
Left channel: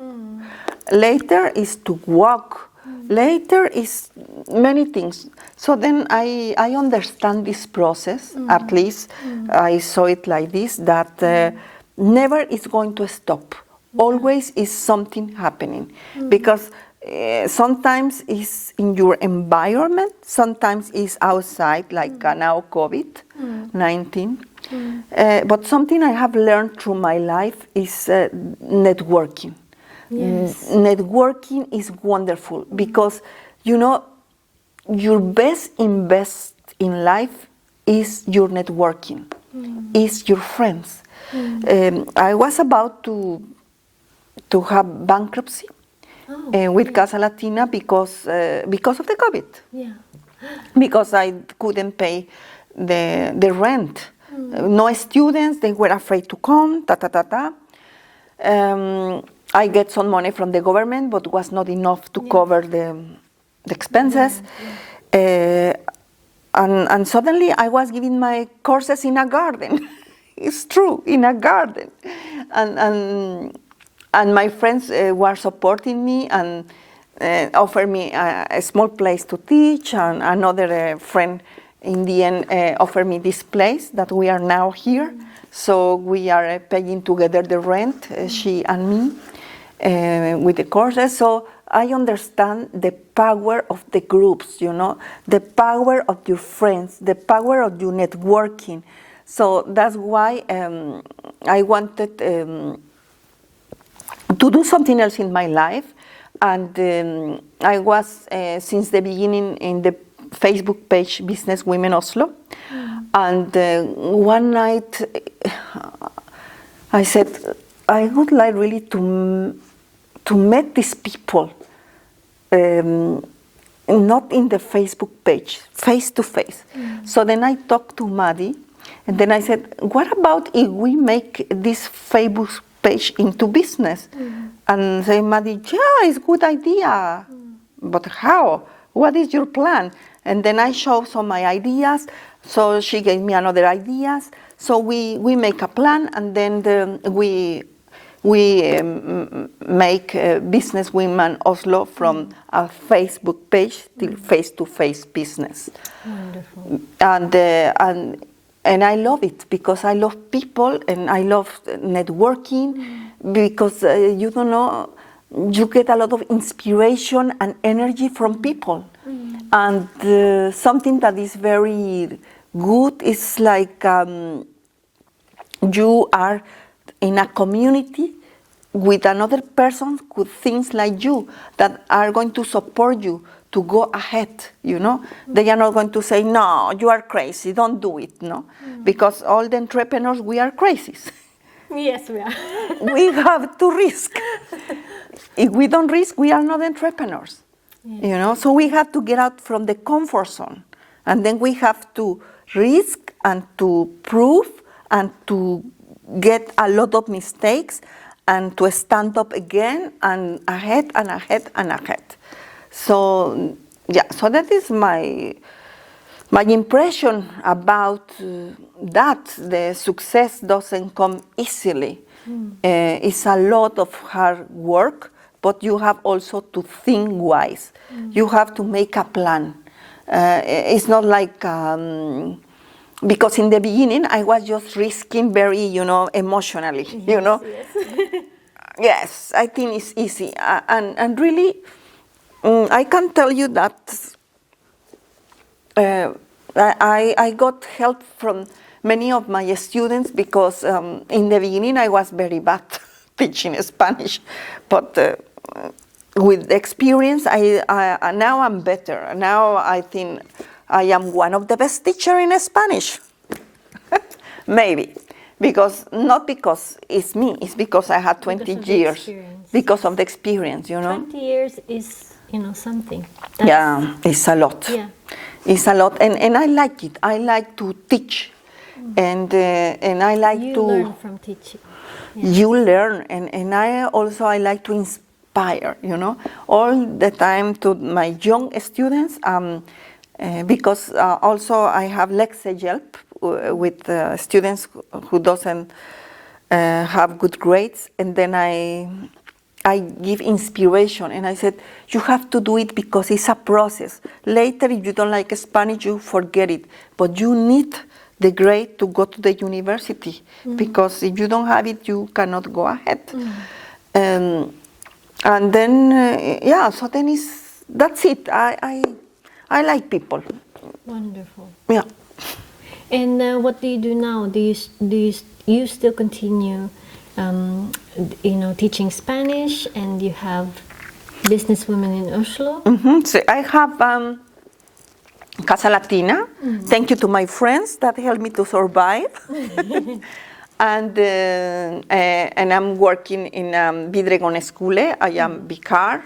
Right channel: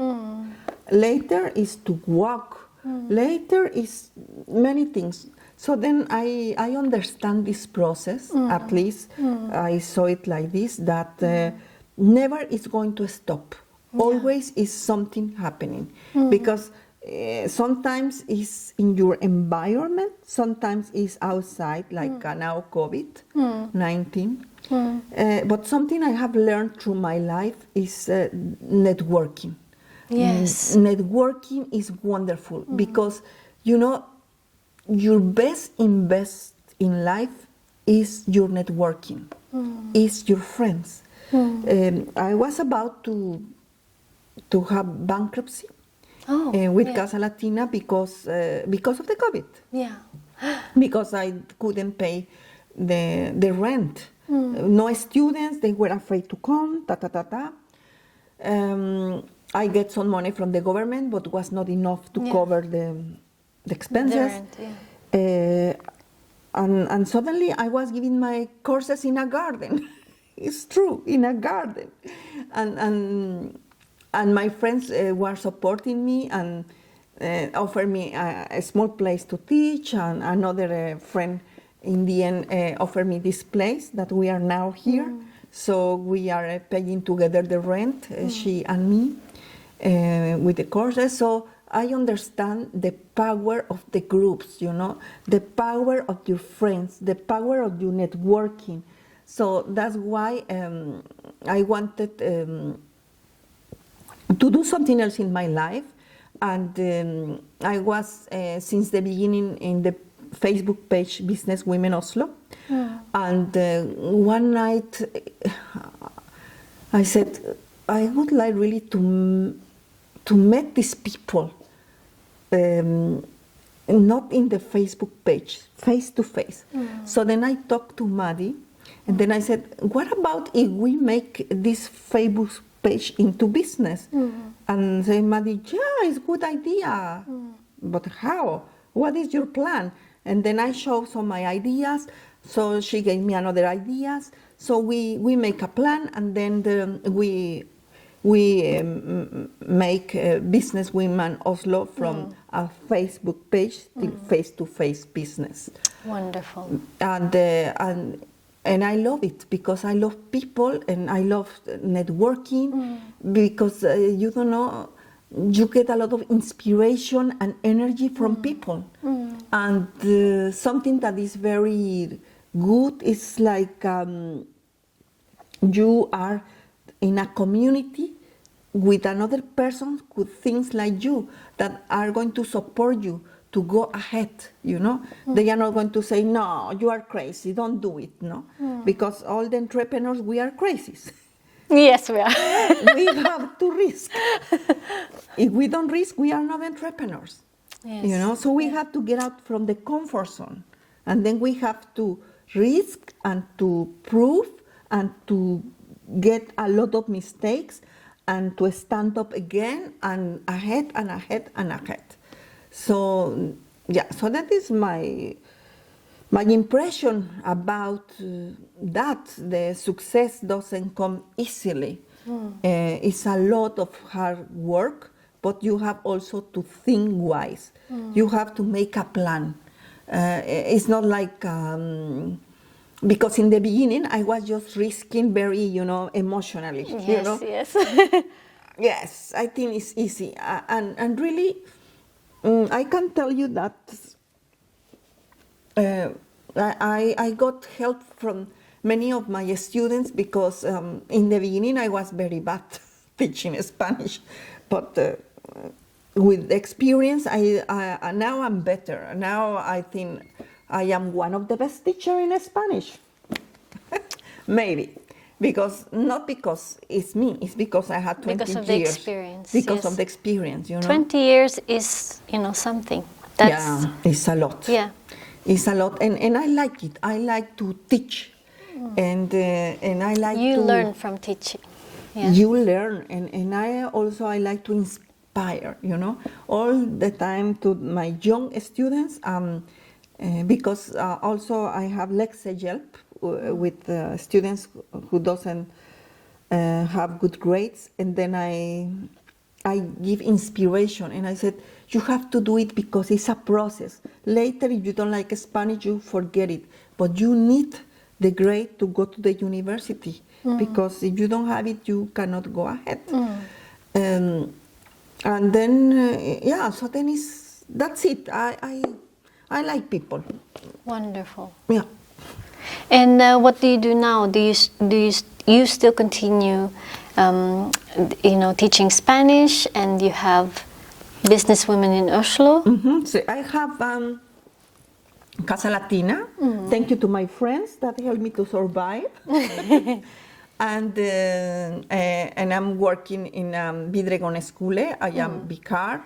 Later is to walk. Later is many things. So then I understand this process, at least I saw it like this, that never is going to stop. Always is something happening. Because sometimes it's in your environment, sometimes it's outside, like now COVID-19. But something I have learned through my life is networking. Yes. Networking is wonderful because, you know, your best invest in life is your networking, is your friends. I was about to have bankruptcy with Casa Latina because of the COVID. Yeah. Because I couldn't pay the rent. No students, they were afraid to come, I get some money from the government, but was not enough to cover the expenses. And suddenly I was giving my courses in a garden. It's true, in a garden. And my friends were supporting me and offered me a small place to teach, and another friend in the end offered me this place that we are now here. So we are paying together the rent, she and me, with the courses. So I understand the power of the groups, you know, the power of your friends, the power of your networking. So that's why I wanted to do something else in my life. And I was, since the beginning, in the Facebook page Business Women Oslo. And one night I said, I would like really to meet these people, not in the Facebook page, face to face. So then I talked to Maddie, and then I said, what about if we make this Facebook page into business? And say, Maddie, yeah, it's a good idea. But how? What is your plan? And then I showed some of my ideas. So she gave me another ideas. So we make a plan, and then we make Business Women Oslo from a Facebook page to face-to-face business. Wonderful. And I love it because I love people and I love networking because you don't know, you get a lot of inspiration and energy from people. And something that is very good is like you are in a community with another person who thinks like you, that are going to support you to go ahead, you know. They are not going to say, no, you are crazy, don't do it, no. Because all the entrepreneurs, we are crazy. Yes, we are. We have to risk. If we don't risk, we are not entrepreneurs. Yes. You know, so we have to get out from the comfort zone, and then we have to risk and to prove and to get a lot of mistakes and to stand up again and ahead and ahead and ahead. So yeah, so that is my impression about that. The success doesn't come easily. It's a lot of hard work, but you have also to think wise. You have to make a plan. It's not like, because in the beginning I was just risking very, you know, emotionally, Yes, you know. Yes. Yes, I think it's easy. And really, I can tell you that I got help from many of my students because in the beginning I was very bad teaching Spanish, but with experience, now I'm better. Now I think I am one of the best teachers in Spanish. Maybe. Not because it's me, it's because I had 20 years. Because of the experience, you know. 20 years is, you know, something. Yeah, it's a lot. Yeah. It's a lot, and I like it. I like to teach, and I like you to... learn from teaching. Yeah. You learn, and I like to inspire, all the time to my young students, because also I have lecture help with students who doesn't have good grades, and then I give inspiration, and I said, you have to do it because it's a process. Later, if you don't like Spanish, you forget it, but you need the grade to go to the university, because if you don't have it, you cannot go ahead. And then, so then that's it. I like people. Wonderful. Yeah. And what do you do now? Do you still continue, teaching Spanish, and you have businesswomen in Oslo? So I have Casa Latina. Thank you to my friends that helped me to survive. And I'm working in Vidregående skole. I am vicar.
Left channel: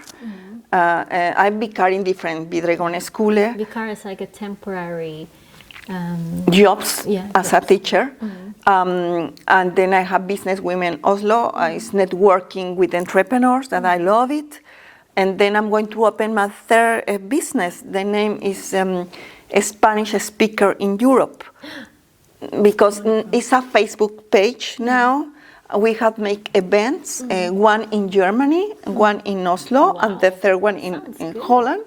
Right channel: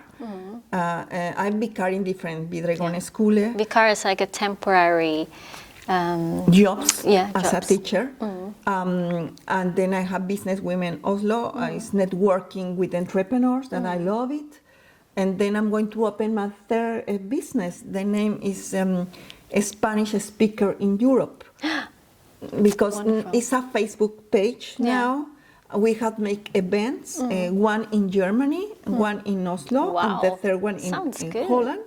I'm vicar in different Vidregående skole. Vicar is like a temporary jobs as a jobs. teacher. And then I have Business Women Oslo. It's networking with entrepreneurs, that I love it. And then I'm going to open my third business. The name is a Spanish Speaker in Europe. Because it's a Facebook page now. We have make events, one in Germany, one in Oslo, and the third one in Holland.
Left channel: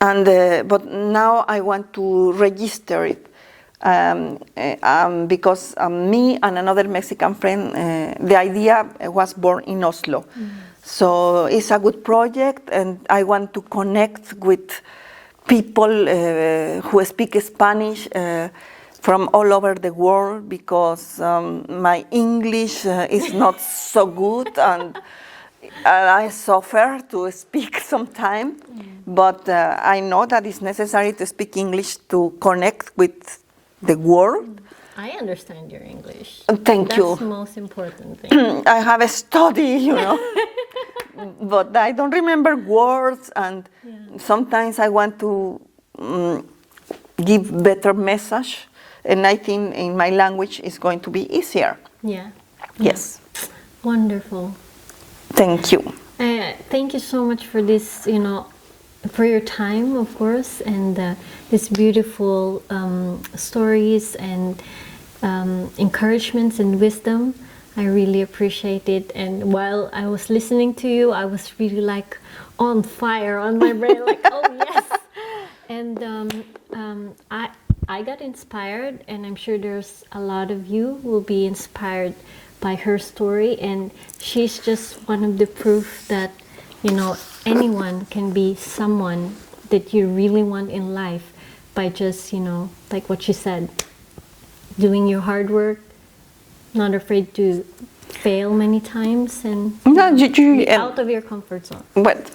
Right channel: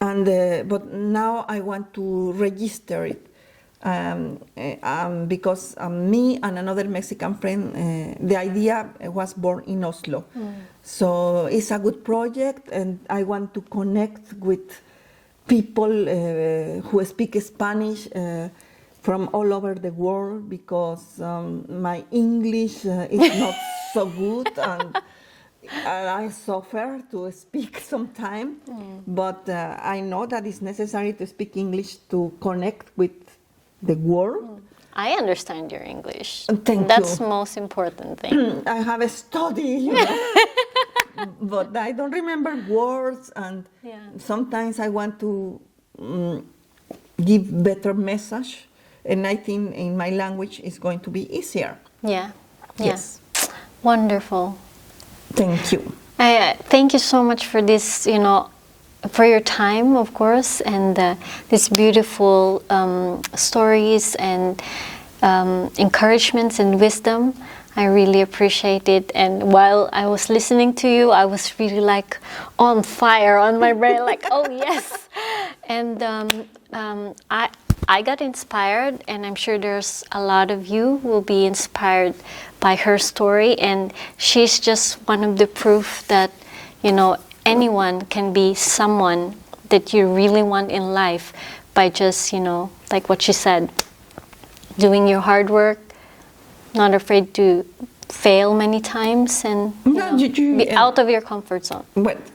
And but now I want to register it, because me and another Mexican friend, the idea was born in Oslo. So it's a good project, and I want to connect with people who speak Spanish from all over the world, because my English is not so good, and I suffer to speak sometimes. But I know that it's necessary to speak English to connect with the world. I understand your English. Thank you. That's the most important thing. I have a study, but I don't remember words, and sometimes I want to give better message, and I think in my language is going to be easier. Yes. Wonderful. Thank you. Thank you so much for this, for your time, of course, and these beautiful stories and encouragements and wisdom. I really appreciate it. And while I was listening to you, I was really like on fire on my brain, like, oh yes. And I got inspired, and I'm sure there's a lot of you who will be inspired by her story. And she's just one of the proof that, anyone can be someone that you really want in life by just, like what she said, doing your hard work, not afraid to fail many times, and be out of your comfort zone. But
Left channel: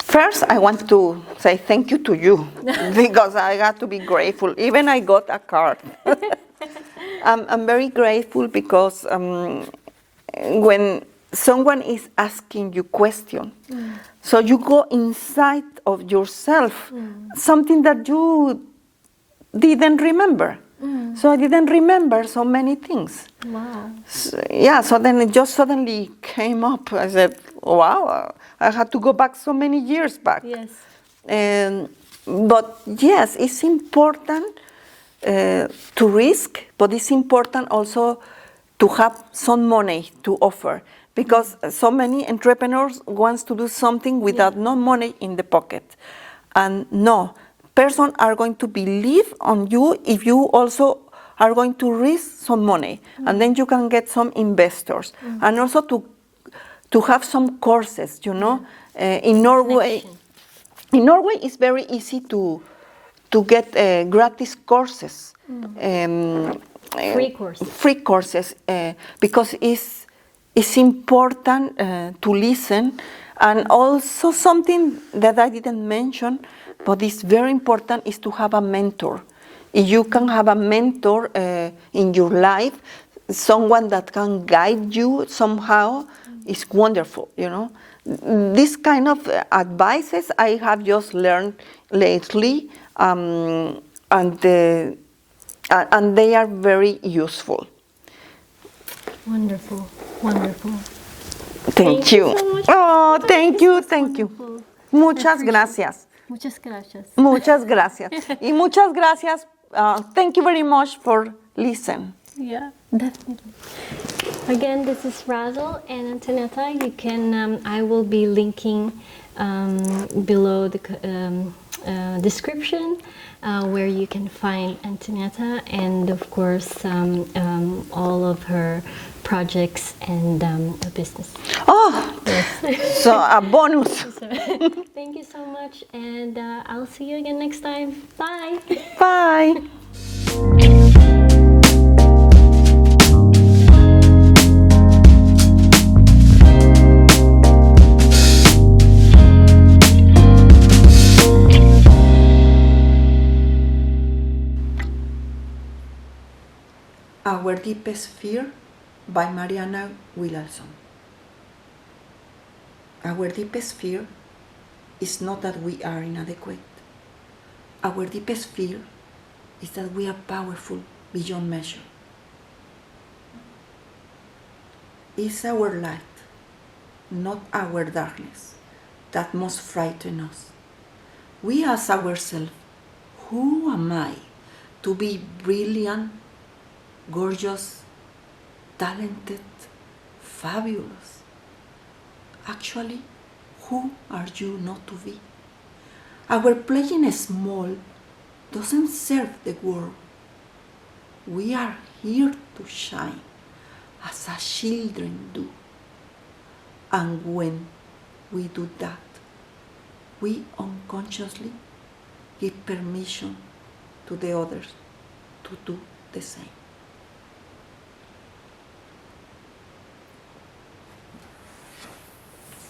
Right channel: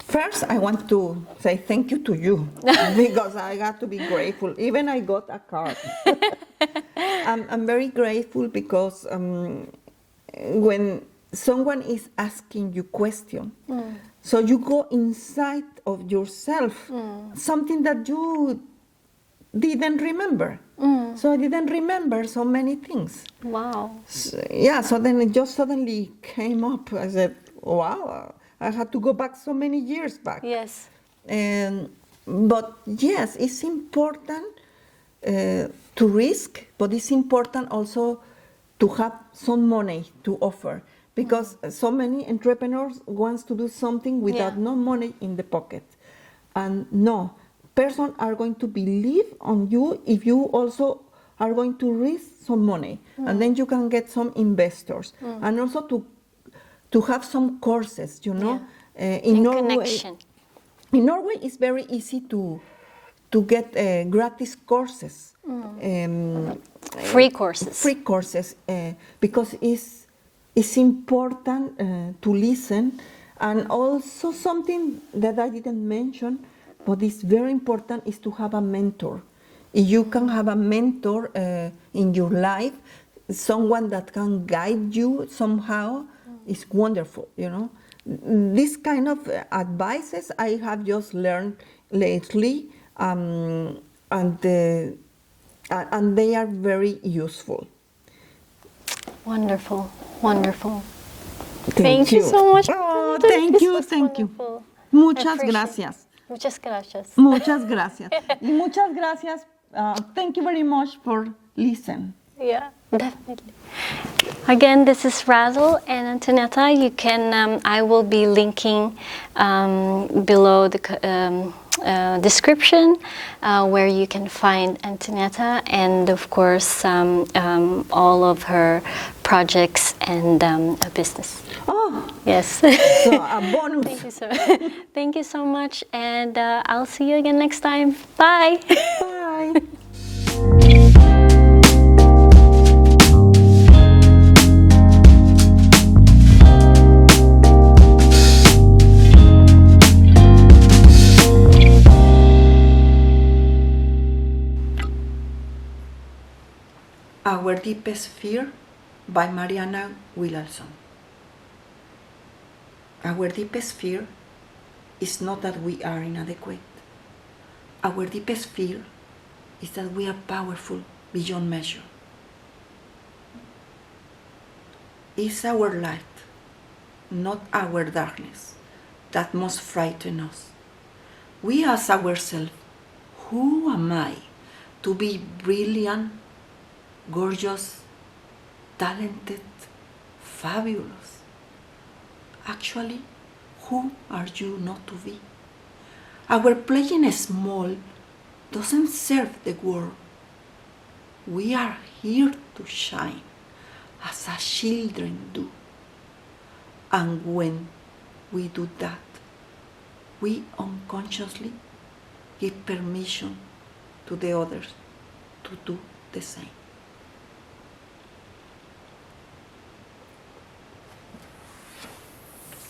first, I want to say thank you to you, because I got to be grateful. Even I got a card. I'm very grateful, because when someone is asking you question, so you go inside of yourself, something that you didn't remember. So I didn't remember so many things. Wow. So then it just suddenly came up. I said, wow, I had to go back so many years back. Yes. But yes, it's important to risk, but it's important also to have some money to offer, because so many entrepreneurs wants to do something without no money in the pocket. And no, persons are going to believe on you if you also are going to risk some money, and then you can get some investors, and also to have some courses, in Norway. In Norway, it's very easy to get gratis courses, free courses. Free courses, because it's important to listen, and also something that I didn't mention, but it's very important, is to have a mentor. If you can have a mentor in your life, someone that can guide you somehow, is wonderful, This kind of advices I have just learned lately, and they are very useful. Wonderful, wonderful. Thank you. so much. Oh, thank This you, was thank you. wonderful. Muchas Appreciate- gracias. Muchas gracias. Muchas gracias. Y muchas gracias. Thank you very much for listening. Yeah, definitely. Again, this is Razzle and Antonieta. You can, I will be linking below the description where you can find Antonieta and, of course, all of her projects and business. Oh, Yes. so a bonus. So, thank you so much, and I'll see you again next time. Bye. Bye. Our Deepest Fear by Mariana Williamson. Our deepest fear is not that we are inadequate. Our deepest fear is that we are powerful beyond measure. It's our light, not our darkness, that must frighten us. We ask ourselves, who am I to be brilliant, gorgeous, talented, fabulous? Actually, who are you not to be? Our playing small doesn't serve the world. We are here to shine as our children do. And when we do that, we unconsciously give permission to the others to do the same.